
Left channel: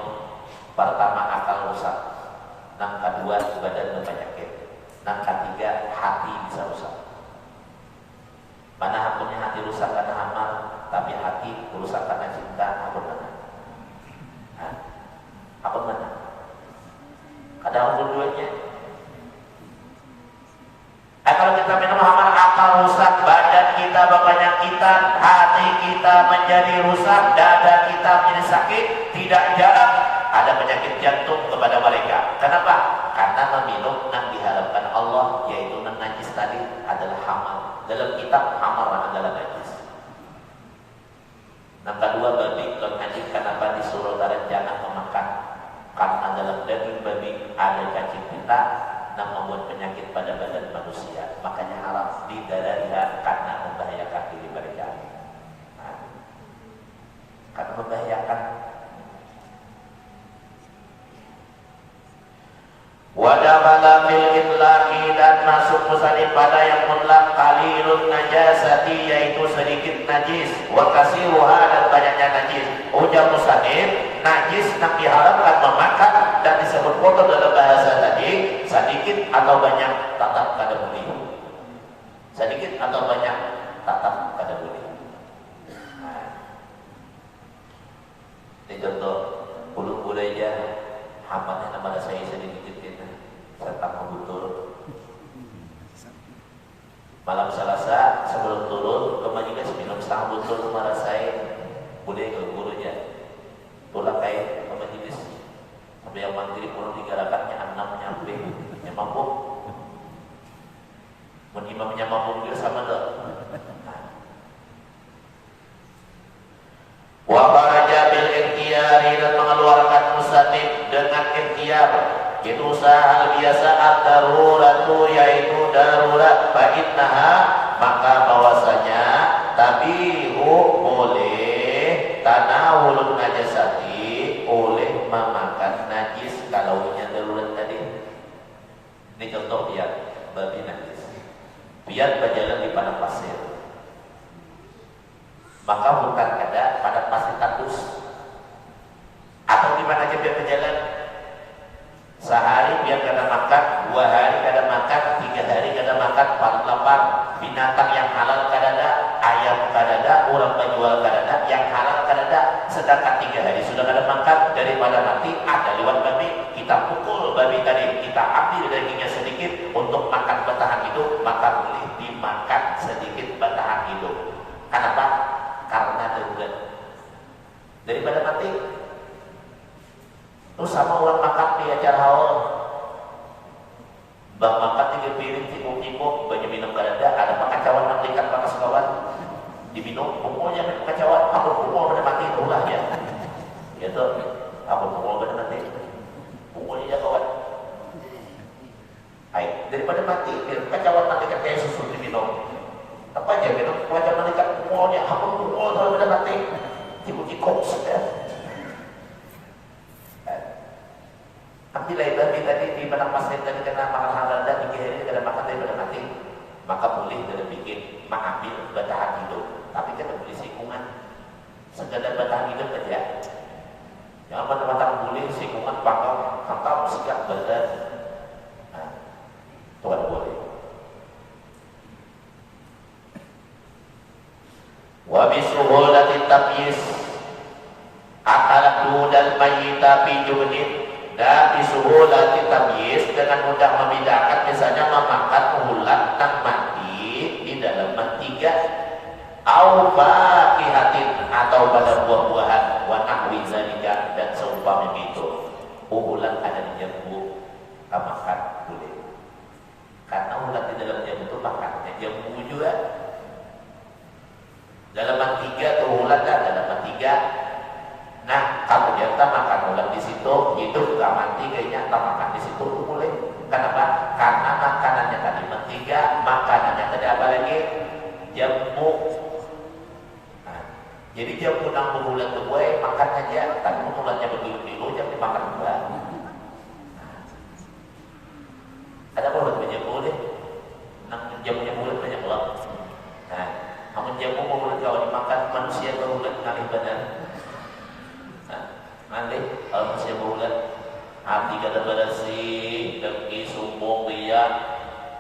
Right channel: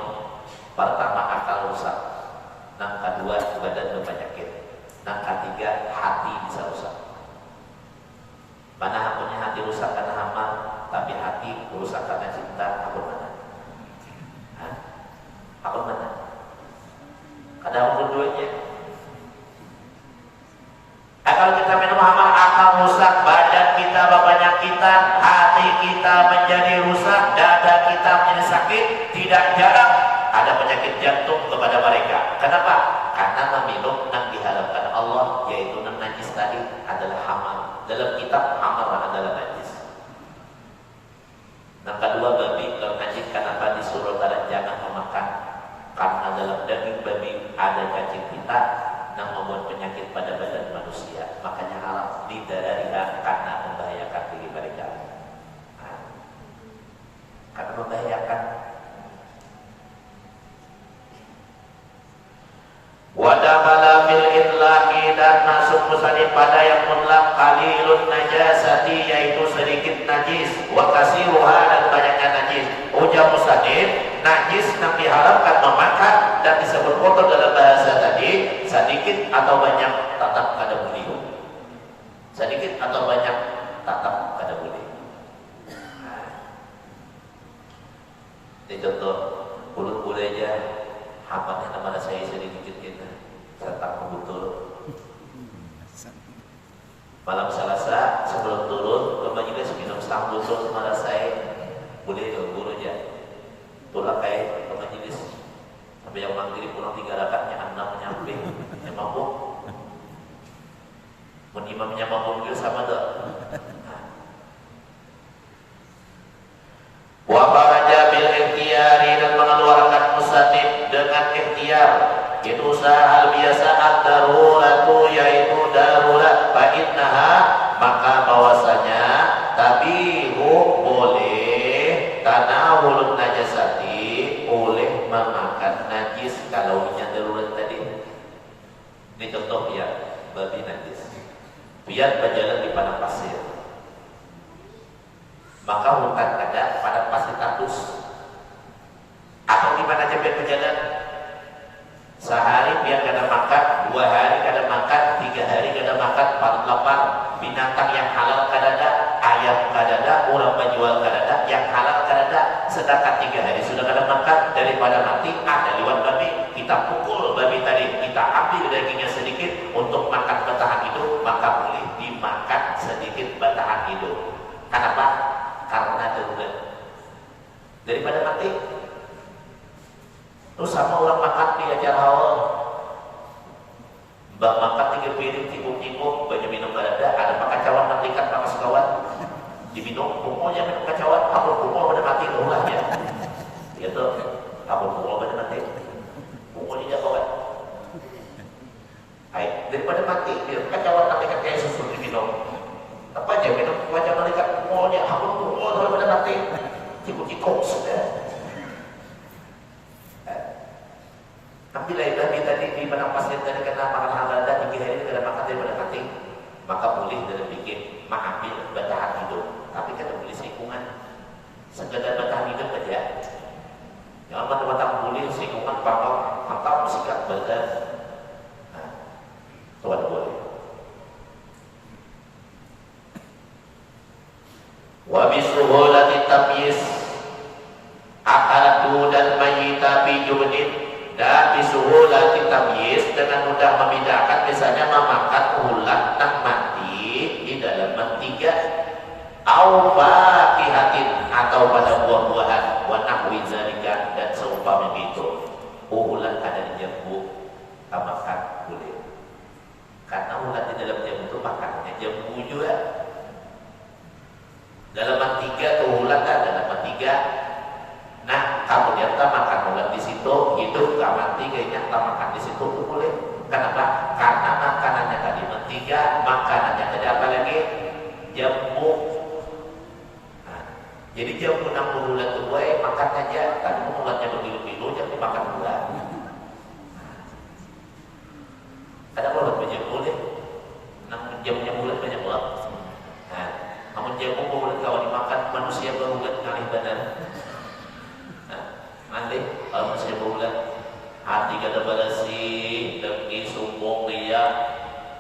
pertama akal rusak, yang kedua badan berpenyakit, yang ketiga hati bisa rusak. Mana hakunya hati rusak karena hamar, tapi hati rusak karena cinta, aku mana? Hah? Aku mana? Karena aku duanya. Kalau kita minum hamar, akal rusak, badan kita berpenyakitan, hati kita menjadi rusak, dada kita menjadi sakit, tidak jarang ada penyakit jantung kepada mereka. Kenapa? Karena meminum yang diharapkan Allah, yaitu yang najis tadi adalah hamar. Dalam kitab hamar adalah najis. Yang kedua, babi yang najis. Kenapa disuruh dalam jangan memakan? Karena dalam daging babi ada cacing pita yang membuat penyakit pada badan manusia. Makanya haram didadarikan karena membahayakan diri mereka. Karena membahayakan. Wadabala fil inlaqi, dan masuk musanif pada yang mutlak qalilun najasati, yaitu sedikit najis, wa kasiruha, dan banyaknya najis. Ujar musanif, najis yang diharamkan memakan dan disebut kotor dalam bahasa tadi, sedikit atau banyak tetap kada boleh. Sedikit atau banyak tetap kada boleh. Ini contoh, boleh aja hamparnya nama saya sedikit kita serta betul. Malam Selasa sebelum turun ke majelis minum setengah botol kepada saya, boleh ke guru ya. Tolak kayak ke majelis sampai yang maghrib pulang 3 rakaatnya 6 nyampe. Yang mampu, menimamnya mampu juga sama tuh. Wabaraja bil ikhtiyari, dan mengeluarkan mustatib dengan ikhtiar. Itu usaha biasa ad-daruratu, yaitu darurat. Fa'innaha, maka bahwasanya tabihu boleh tanawulun najasati, oleh memakan najis kalau punya darurat tadi. Ini contoh ya, babi najis. Biar berjalan di padang pasir, maka bukan ada pada pasir tandus atau di mana aja biar berjalan. Sehari biar kada makan, 2 hari kada makan, 3 hari kada makan, 4 lapar. Binatang yang halal kada ada, ayam kada ada, orang penjual kada ada, yang halal kada ada. Sedangkan 3 hari sudah kada makan, daripada mati ada liwat babi, kita pukul babi tadi, kita ambil dagingnya sedikit untuk makan bertahan hidup, maka boleh dimakan sedikit bertahan hidup. Kenapa? Karena darurat. Daripada mati. Terus sama orang makan di ajar haul, bang makan 3 piring tikuk-tikuk, banyak minum kada ada pakacauan nantikan pakas kawan, diminum, pokoknya minum kacauan, aku pokoknya pada mati ulah ya, ya tuh, aku pokoknya pada mati, pokoknya ya kawan, ayo daripada mati, kacauan nantikan kayak susu diminum, apa aja minum wajah nantikan pokoknya, aku pokoknya pada mati, tikuk-tikuk sudah. Ambillah babi tadi di padang pasir tadi kena makan anda 3 hari tidak makan daripada mati, maka boleh dalam bikin mengambil bertahan hidup, tapi kita boleh singkungan sekedar bertahan hidup saja. Jangan mata-mata boleh singkungan pangkal hantam sikat badan, tuan boleh. Wabisuhulati tamyiz akadu dan mayyita fi judin. Dan bisuhulati tamyiz, dengan mudah membedakan, misalnya memakan ulat dan mati di dalam mentiga, au fakihatin, atau pada buah-buahan, wa nahwi zalika, dan seumpama itu. Ulat ada di jambu, makan boleh. Karena ulat di dalam jambu itu makannya jambu juga. Dalam mentiga tuh ulat ada dalam mentiga. Nah, kalau dia tak makan ulat di situ, hidup gak mati kayaknya tak makan di situ itu boleh. Kenapa? Karena makanannya tadi mentiga, makanannya tadi apa lagi? Jambu. Nah, Jadi dia punya bulat tuh gue makan aja, tapi bulatnya berkilo-kilo jangan dimakan bulat. Ada bulat banyak bulat, jamnya bulat banyak bulat. Nah, namun jamu bulat kalau dimakan manusia bulat kali badan. Nah, nanti kalau manusia bulat, hati kada bersih, dengki, sombong, dia,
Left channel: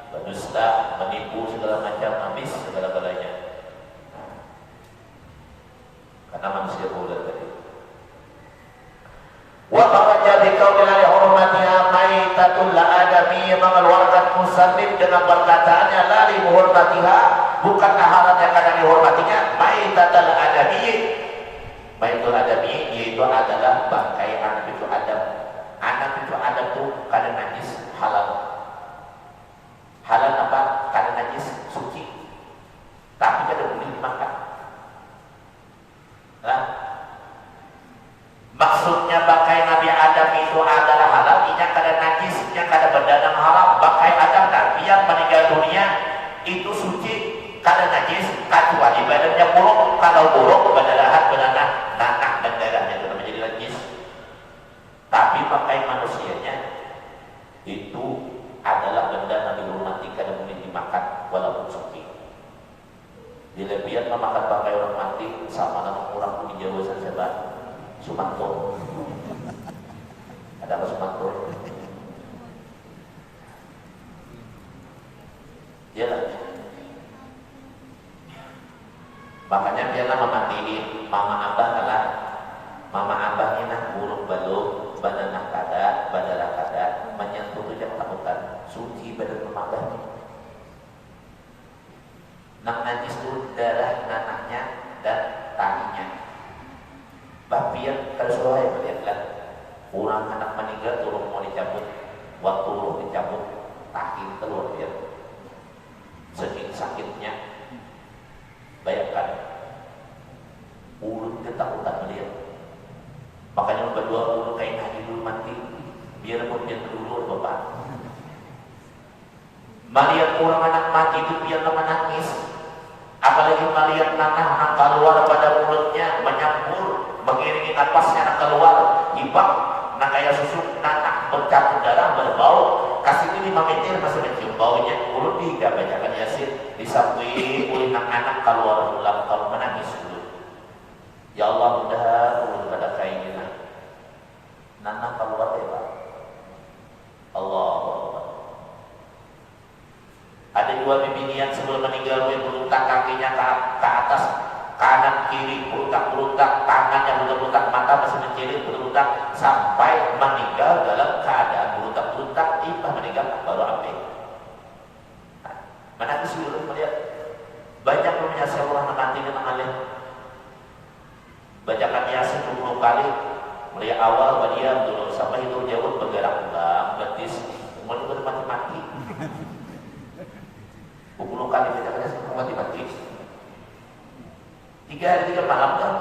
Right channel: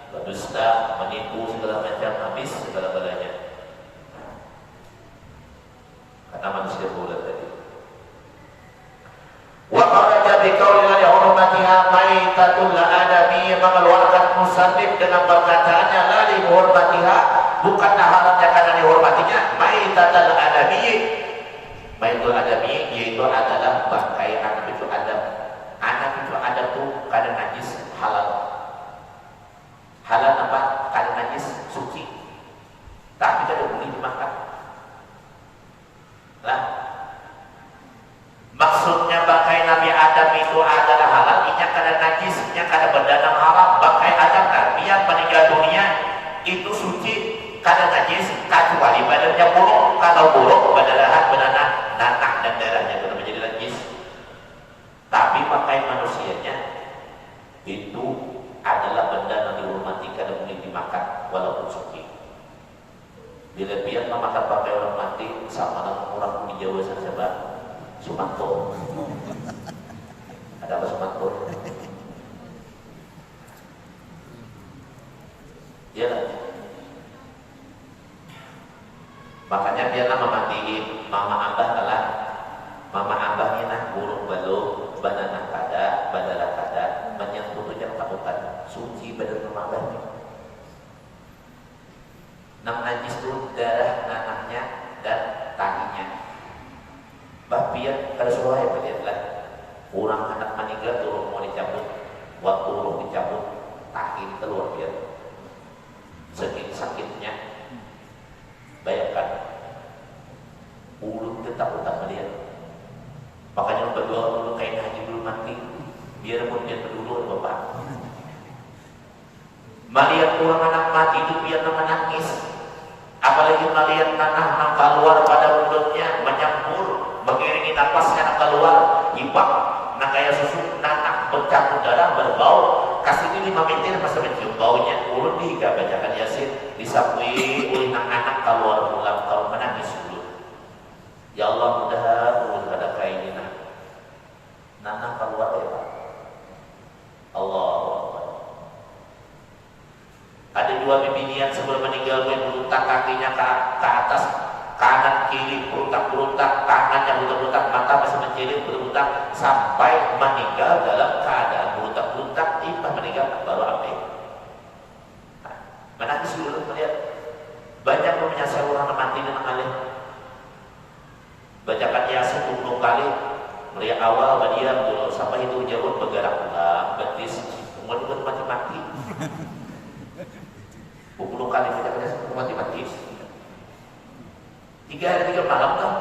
berdusta, menipu segala macam, habis segala-galanya. Karena manusia bulat tadi. Wa qala bi qawli la hurmatiha maitatul adami mengeluarkan musannif dengan perkataannya la li hurmatiha bukanlah halatnya karena dihormatinya maitatul adami. Maitul adami yaitu adalah bangkai anak itu Adam. Anak itu Adam tuh kada najis halal. Halal apa? Kada najis suci. Tapi kada boleh dimakan. Lah, maksudnya bangkai Nabi Adam itu adalah halal, inya kada najis, inya kada berdanang halal. Bangkai Adam kan biar meninggal dunia itu suci, kada najis, kecuali badannya buruk. Kalau buruk badanahan beranah nanah dan darahnya sudah menjadi najis. Tapi bangkai manusianya itu adalah benda yang dihormati, kada boleh dimakan walaupun suci. Bila biar makan pakai orang mati sama dengan orang di Jawa saja Sumanto. Ada apa Sumanto? Ya kan? Makanya dia nama mandiin mama abah adalah mama abahnya nah burung baluk badan kada badara kada menyentuh tidak takutan suci badan mama abah. Nah najis itu darah nanahnya dan tahinya. Bapian tersuai melihatlah orang anak meninggal turun mau dicabut, waktu turun dicabut, tahi keluar dia. Saking sakitnya, bayangkan, urut tetap utang melihat. Makanya berdua dulu kain haji dulu mati, biar kemudian berdua bapak. Melihat orang anak mati itu biar menangis. Apalagi melihat nanah keluar pada mulutnya menyampur, mengiringi napasnya keluar, ibak, nak kayak susu nanah bercampur darah berbau. Kasih ini mengejar masih mencium baunya. Urut dihiga bacakan Yasin, disapui oleh anak keluar pulang kalau menangis dulu. Ya Allah mudah urut pada keinginan. Nanah keluar ya Pak. Allah. Ada dua bibinya sebelum meninggal beruntak kakinya ke atas kanan kiri beruntak tangannya beruntak mata masih mencilik beruntak sampai meninggal dalam keadaan beruntak ipa meninggal baru ambil. Nah, menangis dulu melihat banyak menyasar orang mati dengan alim. Bacakan Yasin 20 kali mulai awal badiam dulu sampai itu jauh bergerak ulang betis umur mati-mati. 20 kali kita kena mati-mati 3 hari 3 malam kan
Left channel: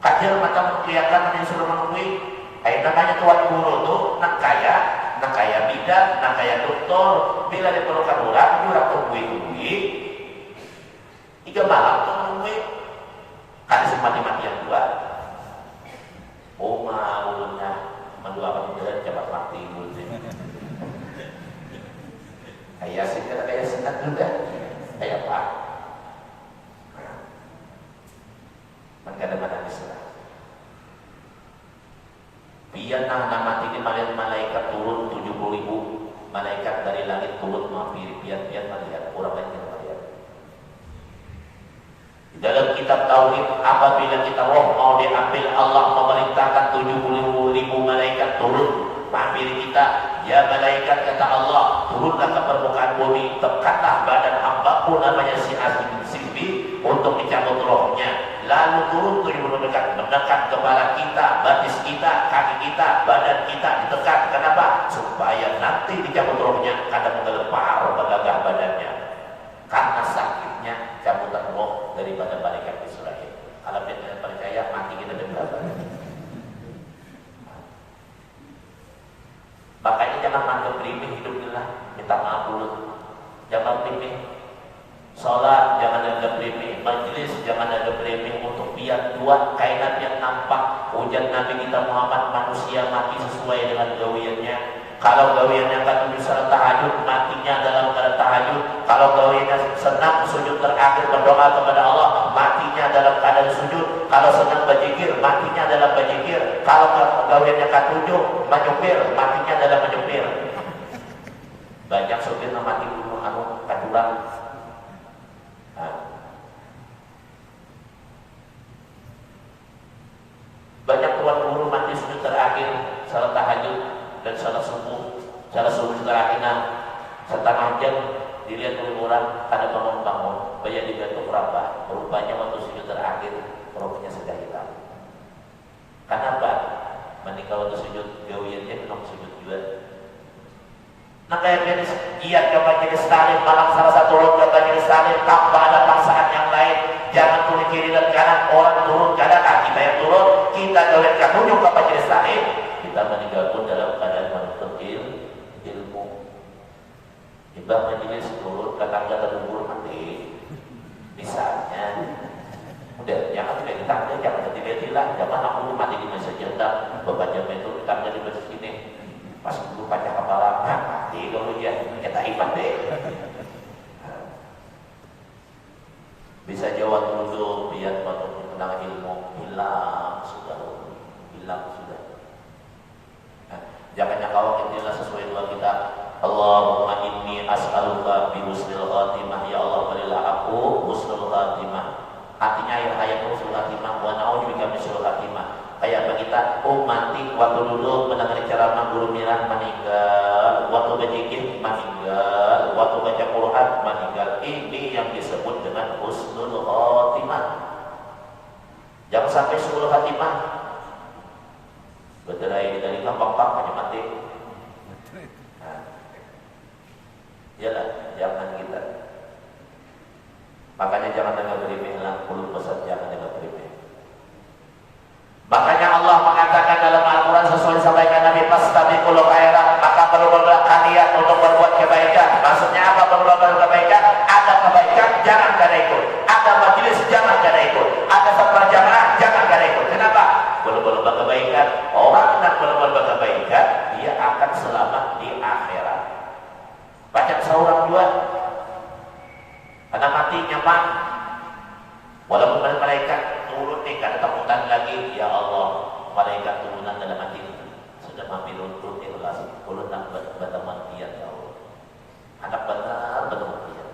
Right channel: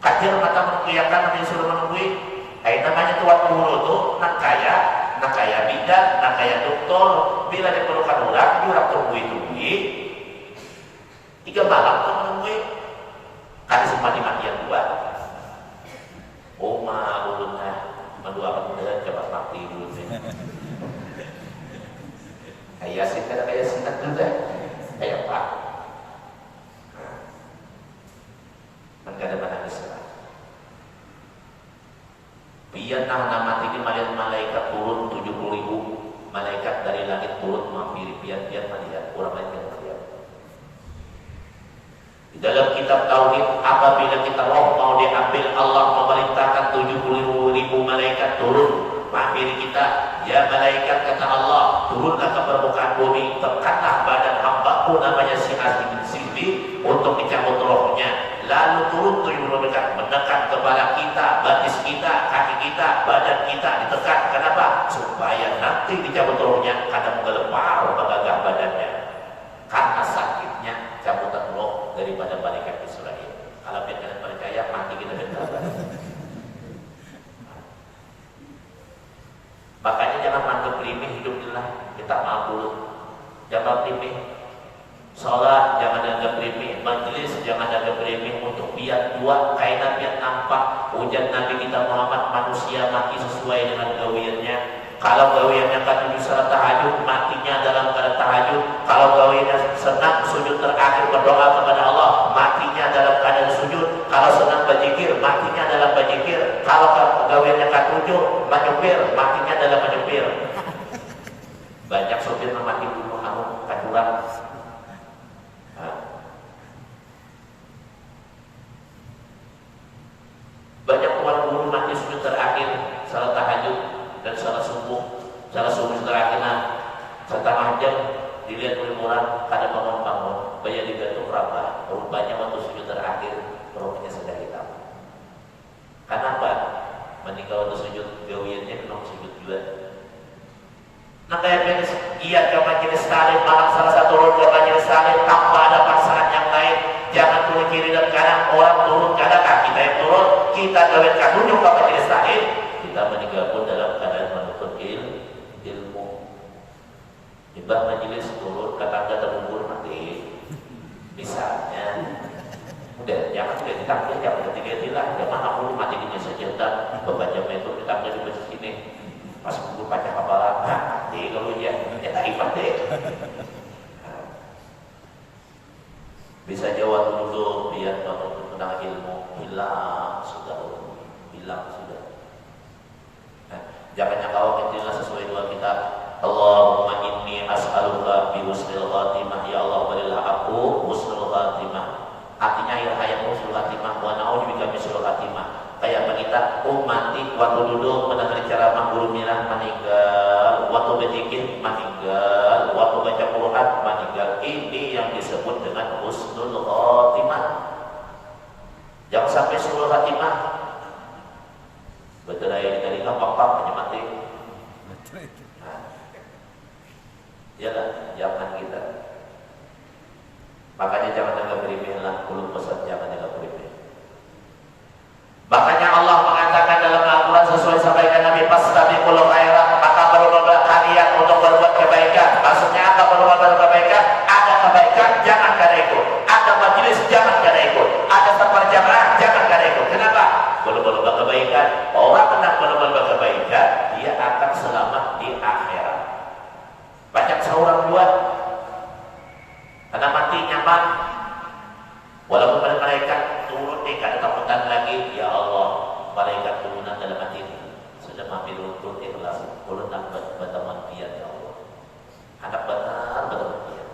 kajian matang kelihatan yang suruh menunggu namanya tuan guru tuh nak kaya bidan, nak kaya doktor bila diperlukan orang dia tunggu 3 malam tuh menunggu kan semua dimatian dua malunya mendoakan dia cepat mati dulu kayak singkat juga kayak Pak negara mana Islam biar nama mati di malaikat turun 70.000 malaikat dari langit turun mampir biar melihat orang lain yang melihat di dalam kitab tauhid apabila kita roh mau diambil Allah memerintahkan 70.000 malaikat turun mampir kita. Ya malaikat kata Allah, turunlah ke permukaan bumi, tekatlah badan hambaku namanya si Azim Sidi untuk dicabut rohnya. Lalu turun dekat, menekan kepala kita, batis kita, kaki kita, badan kita ditekan. Kenapa? Supaya nanti dicabut rohnya karena menggelepar penggagah badannya. Karena sakitnya cabutan roh daripada malaikat Israel. Kalau kita percaya mati kita dekat. Makanya jangan anggap remeh hidup kita mampu. Jangan remeh sholat, jangan anggap remeh majlis, jangan anggap remeh untuk Yang dua, kainan yang nampak. Ujar Nabi kita Muhammad, manusia mati sesuai dengan gawiannya. Kalau gawiannya katujuh salat tahajud, matinya dalam keadaan tahajud. Kalau gawiannya senang sujud terakhir berdoa kepada Allah, matinya dalam keadaan sujud. Kalau senang berzikir, matinya dalam berzikir. Kalau gawiannya katujuh menyupir, matinya dalam menyupir. Banyak sopir mati dulu kamu kaduran. Banyak tuan guru mati sujud terakhir salat tahajud dan salat subuh. Salat subuh terakhir setengah jam dilihat oleh orang ada bangun-bangun, bayar dibantu berapa? Rupanya waktu sujud terakhir rohnya sudah hilang. Kenapa? Meninggal waktu sujud gawiannya memang sujud juga. Nah kayak jenis giat coba jenis talim, malah salah satu orang coba jenis talim tanpa ada paksaan yang lain. Jangan turun kiri dan kanan, orang turun kanan, kita yang turun, kita gawetkan dulu coba jenis talim. Kita meninggal pun dalam keadaan menuntut ilmu. Tiba majelis turun, kata ada terburu mati. Misalnya, udah jangan tidak ditanggung, jangan tidak hilang, karena aku mati di masa jendam, babajamnya itu ditanggung di sini. Pas dulu banyak kapalan, mati kalau ya tak ikhlas deh. Bisa jawab dulu biar waktu mengenal ilmu hilang sudah. Jangan yang kau kecil sesuai doa kita. Allahumma inni as'aluka bi husnil khatimah, ya Allah berilah aku husnul khatimah. Artinya ya kayak husnul khatimah wa na'udzubika min syurril khatimah. Kayak kita mati waktu duduk mendengar ceramah guru mirah meninggal, waktu berzikir meninggal, waktu baca Quran meninggal. Ini yang disebut dengan husnul khatimah. Jangan sampai husnul khatimah. Betul aja dari gampang hanya mati. Yalah, jangan kita. Makanya jangan anggap remeh lah, kulun besar jangan anggap remeh. Makanya Allah mengatakan dalam Al-Quran sesuai sampaikan Nabi, fastabiqul khairat, maka berlomba kalian untuk berbuat kebaikan. Maksudnya apa berbuat kebaikan? Ada kebaikan, jangan kalian ikut. Ada majelis, jangan kalian ikut. Ada safar jamaah, jangan kalian ikut. Kenapa? Berlomba kebaikan. Orang hendak berlomba kebaikan, dia akan selamat di akhirat. Banyak seorang buat karena mati nyaman. Walaupun ada malaikat turun nih, kada takutan lagi, ya Allah, malaikat turunan dalam hati sudah ambil untuk ikhlas, turunan berteman dia, ya Allah. Anak benar dia.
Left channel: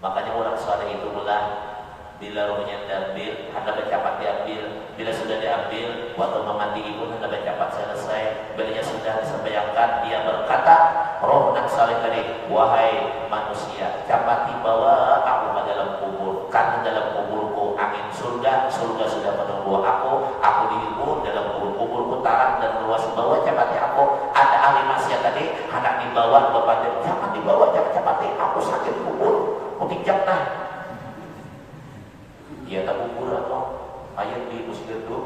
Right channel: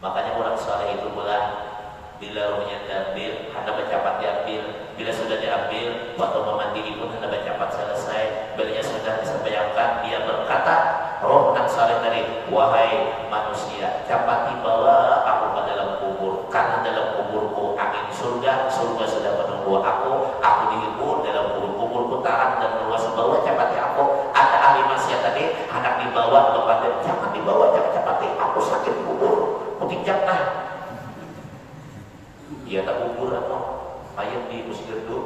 Makanya orang soleh itu bulan bila rohnya diambil, anda bercapat diambil. Bila sudah diambil, waktu mandi pun anda bercapat selesai. Bila sudah disampaikan, dia berkata, roh nak soleh tadi, wahai manusia, capati bawa aku ke dalam kubur. Karena dalam kuburku angin surga sudah menunggu aku dihibur dalam kubur putaran dan luas bawah capati aku. Ada ahli maksiat tadi, anak dibawa kepada, jangan dibawa, jangan capati aku sakit kubur, mungkin jangan. Dia tak kubur apa? Ayat di muslim itu.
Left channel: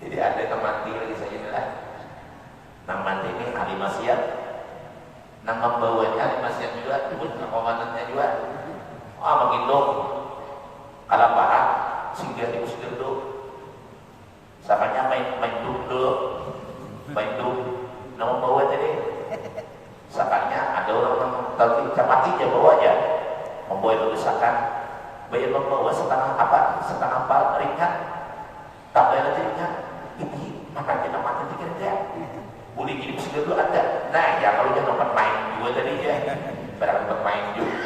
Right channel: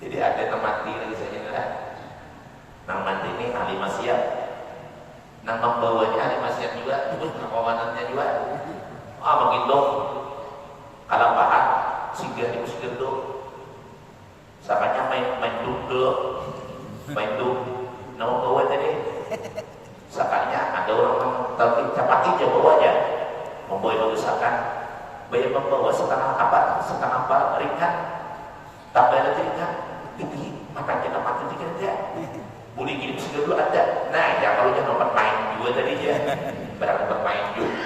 Jadi ada yang mati lagi saya lah. Nang mati ini ahli maksiat. Nang membawanya ahli maksiat juga, pengawanannya juga. Begitu. Kalau parah, singgah di muslim itu. Samanya main duduk, main duduk. Nang membawa tadi. Sakanya ada orang tahu capati aja bawanya. Membawa itu desakan. Bayar membawa setengah apa ringan. Tak ada ringan. Tinggi, maka kita mati tinggal dia. Boleh gini muslim dulu ada. Nah, ya kalau jangan main juga tadi ya. Berapa bermain juga.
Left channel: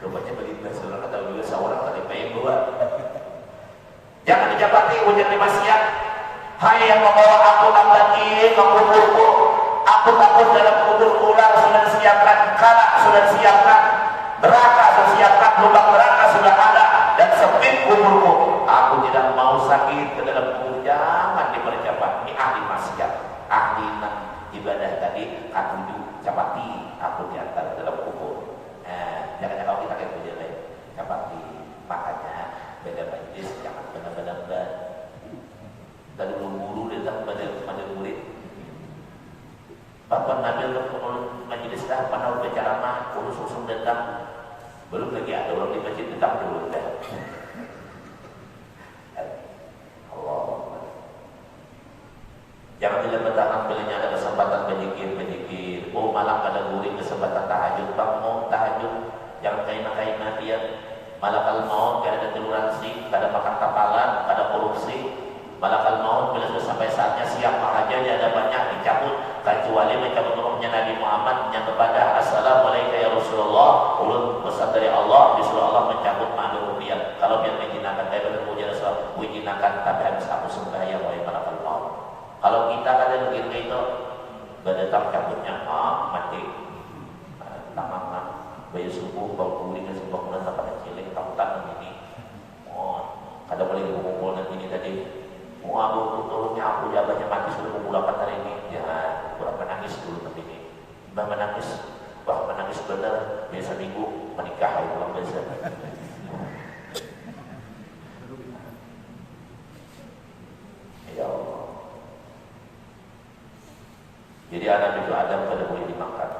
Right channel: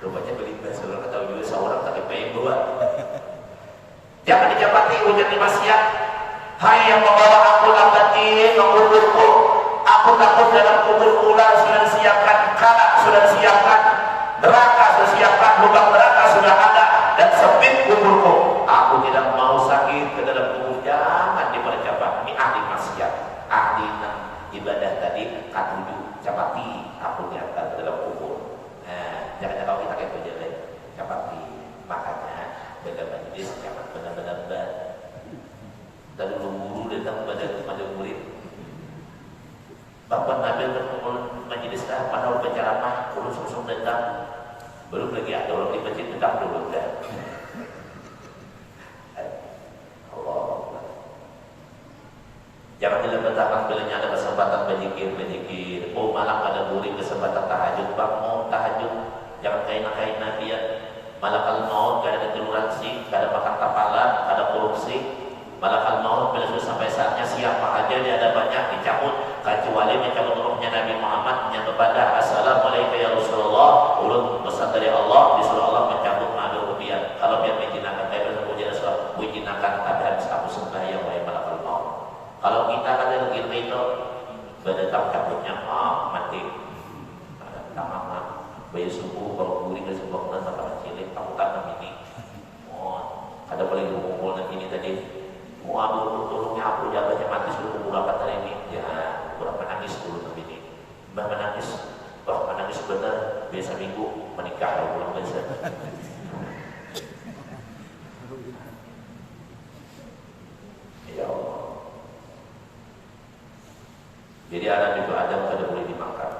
Rupanya beli belas orang atau beli seorang tapi main dua. Jangan dijabati ujian maksiat. Hai yang membawa aku lambat kuburku. Aku takut dalam kubur ulang sudah disiapkan, kanak sudah disiapkan, neraka sudah disiapkan, lubang neraka sudah ada dan sempit kuburku. Aku tidak mau sakit ke dalam kubur. Jangan dipercepat. Ini ahli maksiat, ahli ibadah tadi katuju capati aku diantar dalam kubur. Jangan kalau kita kayak berjalan capati. Makanya dengan majlis jangan benar-benar dan guru datang pada murid. Bapak Nabi majlis dah pada berceramah, urus datang. Belum lagi ada orang di masjid datang dulu. malakal maut kada ada toleransi, kada makan kapalan, kada korupsi. Malakal maut bila sudah sampai saatnya siapa aja di hadapannya dicabut kecuali mencabut rohnya Nabi Muhammad yang kepada assalamualaikum ya Rasulullah, ulun pesan dari Allah disuruh Allah mencabut malu rupiah. Kalau biar menjinakan dari pujian Rasul, menjinakan tapi harus aku sembahyang oleh malakal maut. Kalau kita kada begitu itu berdatang cabutnya mati. Tamat bayi subuh bau kuring dan sebuah bulan sampai cilik kamu kan begini. Ada boleh ngumpul dan ini tadi. Waduh, tolongnya aku jaganya mati suruh pemulakan tadi ini. Ya, kurang menangis dulu tadi ini. Menangis benar. Biasa minggu menikah ya pulang biasa. Ya Allah. Jadi ada itu Adam tidak boleh dimakan.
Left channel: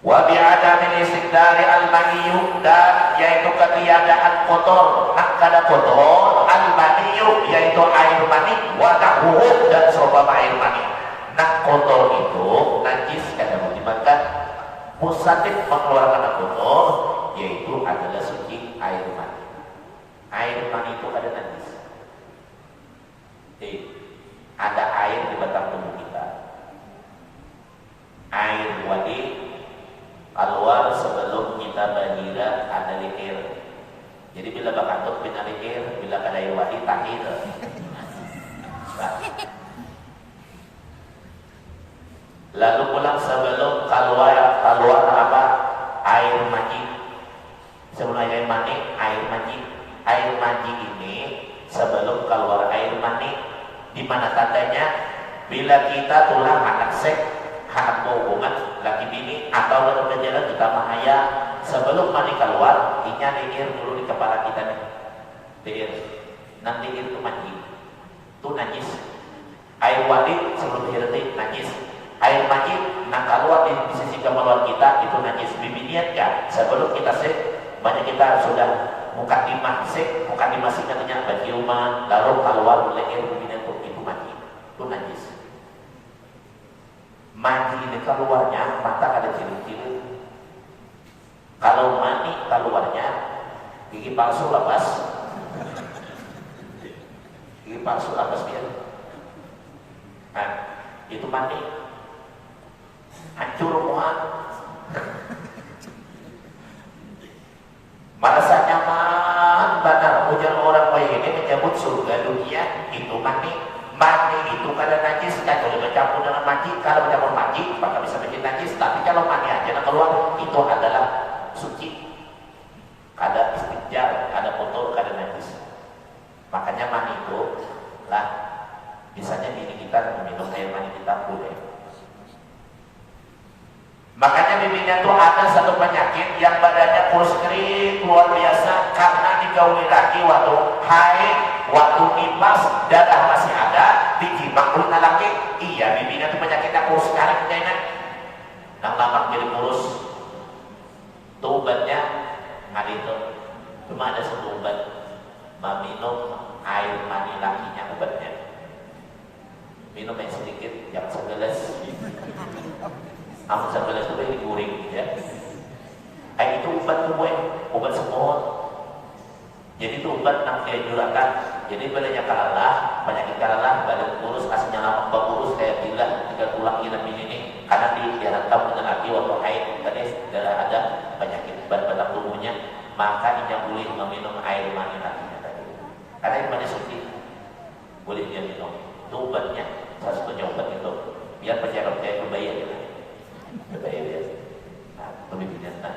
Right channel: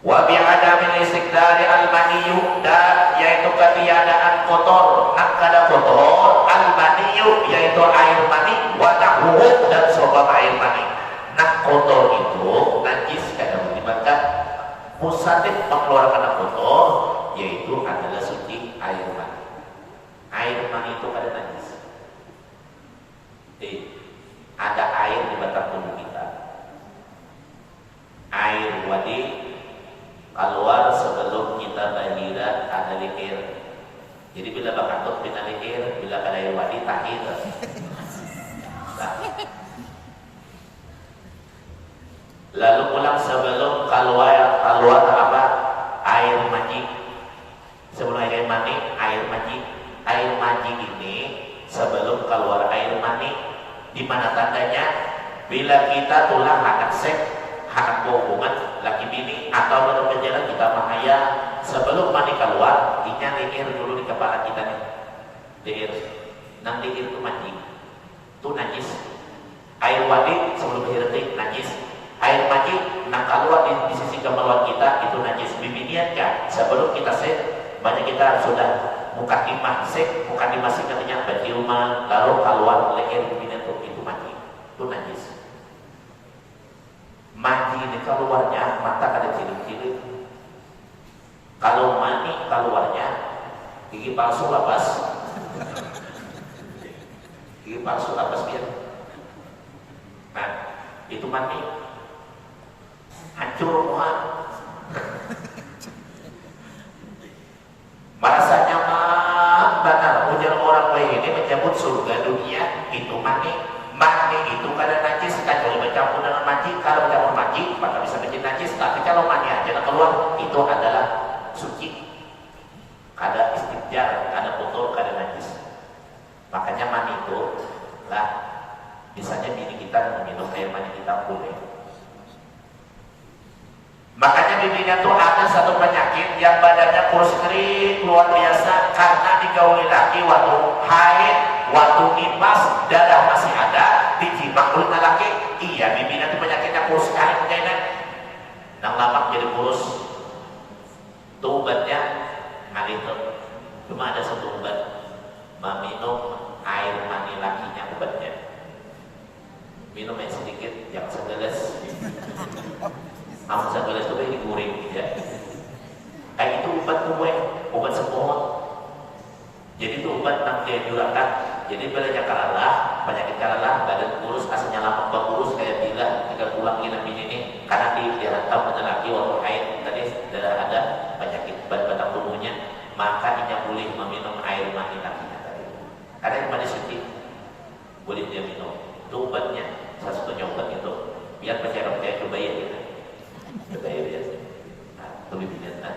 Wa bi'adamin istiqdari al-maniyu, dan yaitu ketiadaan kotor, nak kada kotor al-maniyu yaitu air mani, wa tahuh dan seumpama air mani. Nak kotor itu najis kada menyebabkan musadif mengeluarkan kotor, yaitu adalah suci air mani. Air mani itu ada najis. Ada air di batang tubuh kita. Air wadi keluar sebelum kita bahira ada air. Jadi bila bakantuk bina air, bila ada air wadi tahir. Nah. Lalu pulang sebelum keluar apa? Air maji. Sebelum air mani, air maji. Air maji ini sebelum keluar air mani, di mana tandanya bila kita tulang anak seks, hak hubungan laki bini atau dalam perjalanan kita menghaya sebelum mani keluar, ingat air dulu di kepala kita nih. Air, nanti itu mandi, itu najis. Air wadi sebelum diretik najis. Air mandi nak keluar di sisi kemaluan kita itu najis. Bibiniatkan sebelum kita seks, banyak kita sudah mukadimah seks, mukadimah seks nantinya berciuman, lalu keluar leher bibiniat itu mandi, itu najis. Mandi ini keluarnya mata ada ciri-ciri. Kalau mandi keluarnya gigi palsu lepas, gigi palsu lepas dia. Nah, itu mandi hancur semua. Merasa nyaman benar punya orang lain ini menyebut surga dunia itu mandi. Mandi itu karena najis, kan kalau bercampur dengan mandi, kalau bercampur mandi maka bisa menjadi najis. Tapi kalau mandi aja keluar itu adalah suci. Ada istinjar, ada kotor, ada najis. Makanya mandi itu lah, misalnya diri kita meminum air mandi kita boleh. Makanya bimbingan itu ada satu penyakit yang badannya kurus kering luar biasa karena digauli lagi waktu haid, waktu nifas, darah masih ada, ditimbang ulna lagi. Iya, bimbingan itu penyakitnya kurus sekarang kayaknya. Nang lama jadi kurus. Itu obatnya ngalir. Cuma ada satu obat, meminum air mani lakinya obatnya. Minum yang sedikit, yang segelas. Amun sebelah itu lagi guring ya. Kayak itu obat tuh obat semua. Jadi itu obat nak jadi dulakan. Jadi badannya kalalah, penyakit kalalah, badan kurus, aslinya lama kurus kayak bila jika tulang kita ini karena di dirantau dengan laki atau haid tadi sudah ada penyakit badan tubuhnya, maka dia boleh meminum air mani lakinya tadi. Karena air mani suci boleh dia minum. Itu obatnya, salah satunya obat itu. Biar percaya itu bayar. Berbahaya biasa. Nah, lebih biasa.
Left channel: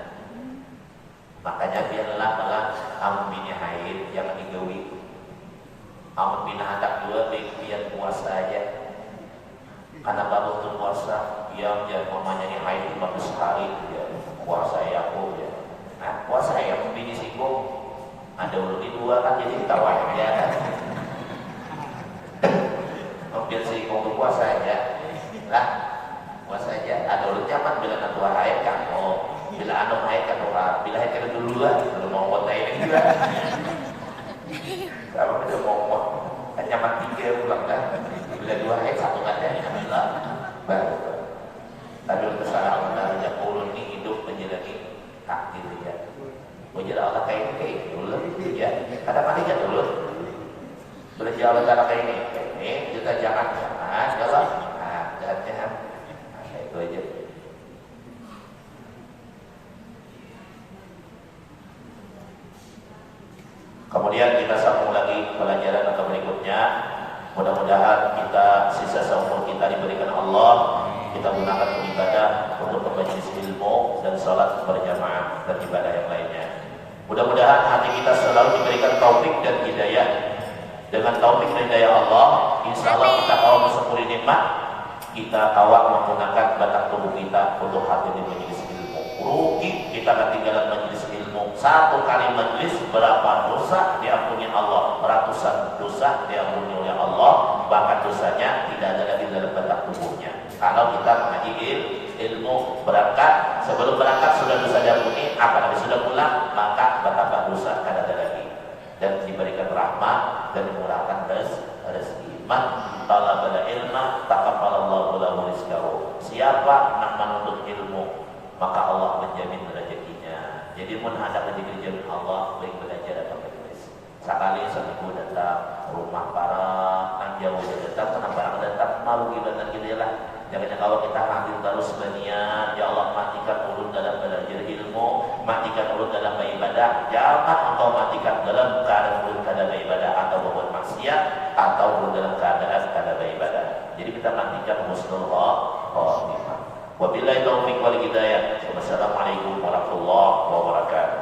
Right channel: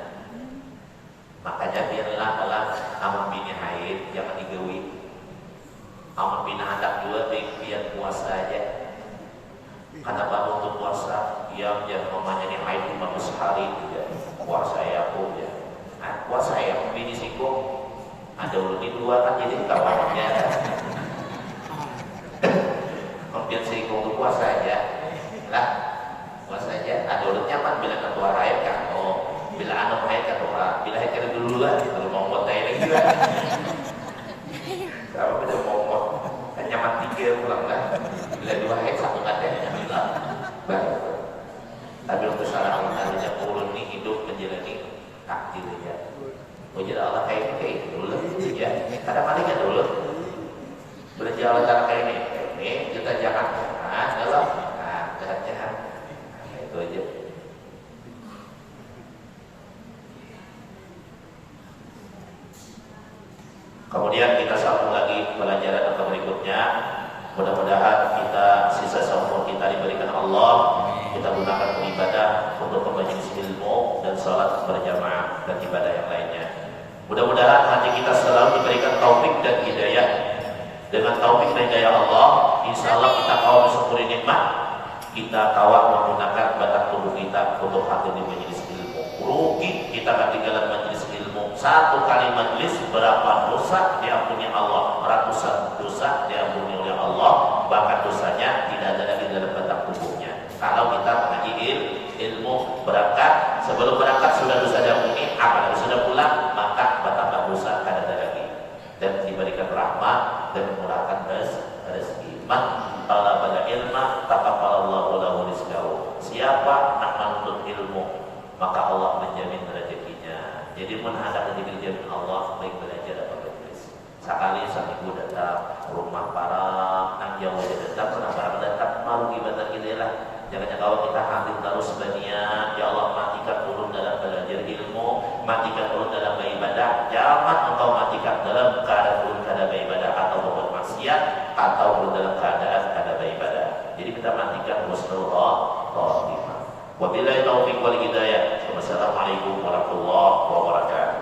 Makanya biarlah kalau amun bini haid jangan digawi. Amun bina anak dua biar puasa aja. Karena baru untuk puasa, yang mamanya ini haid 15 hari ya. Puasa ya aku ya. Nah, puasa ya bini singgung. Ada ulun dua kan jadi kawan ya. Kemudian singgung puasa aja. Lah saja ada urutnya kan bila ketua haid kan bila anak haid kan bila haid kan dulu lah kalau mau kota ini juga kalau kita mau kan nyaman 3 pulang kan bila 2 haid 1 kan alhamdulillah baik tapi untuk kesalahan urut ini hidup menjadi lagi takdir ya Wajib Allah kayak dulu ya. Kadang-kadang ya dulu berjalan cara kayak ini kita jangan dalam jangan itu aja. Kemudian kita sambung lagi pelajaran atau berikutnya. Mudah-mudahan kita sisa seumur kita diberikan Allah, kita gunakan beribadah untuk memperbaiki ilmu dan sholat berjamaah dan ibadah yang lainnya. Mudah-mudahan hati kita selalu diberikan taufik dan hidayah. Dengan taufik dan hidayah Allah, insya Allah kita kawal bersyukur nikmat. Kita kawal menggunakan batang tubuh kita untuk hati di majelis ilmu. Rugi kita ketinggalan majelis ilmu. Satu kali majelis berapa dosa diampuni Allah, ratusan dosa diampuni oleh Allah, bahkan dosanya tidak ada lagi dalam batang tubuhnya. Kalau kita ngaji ilmu berangkat, sebelum berangkat sudah dosa diampuni, apalagi sudah pulang maka batang dosa tidak ada lagi dan diberikan rahmat dan memurahkan rezeki. Man talabal ilma taqabbalallahu lahu rizqahu. Siapa nak menuntut ilmu, maka Allah menjamin rezekinya. Jadi mun ada rezeki jamin Allah baik belajar atau berbuat. Sekali seminggu datang rumah para nang Jawa datang, kenapa datang malu ibadah gililah. Jangan kalau kita hadir terus banyak, ya Allah matikan ulun dalam belajar ilmu, matikan ulun dalam beribadah. Jangan engkau matikan dalam keadaan ulun dalam beribadah atau berbuat maksiat atau ulun dalam keadaan dalam beribadah. Jadi kita matikan husnul khotimah. Wabillahi taufiq wal hidayah. Wassalamualaikum warahmatullahi wabarakatuh.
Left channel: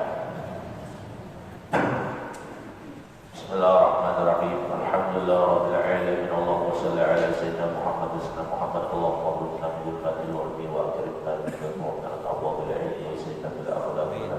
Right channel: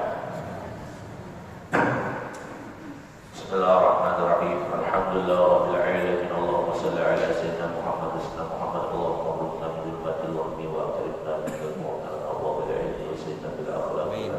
Bismillahirrahmanirrahim. Alhamdulillahirabbil alamin. Allahumma shalli ala sayyidina Muhammad Allahumma qulna bil fadli wa bi wa karimna bil mu'min Allahumma bil ilmi sayyidina bil akhlaq wa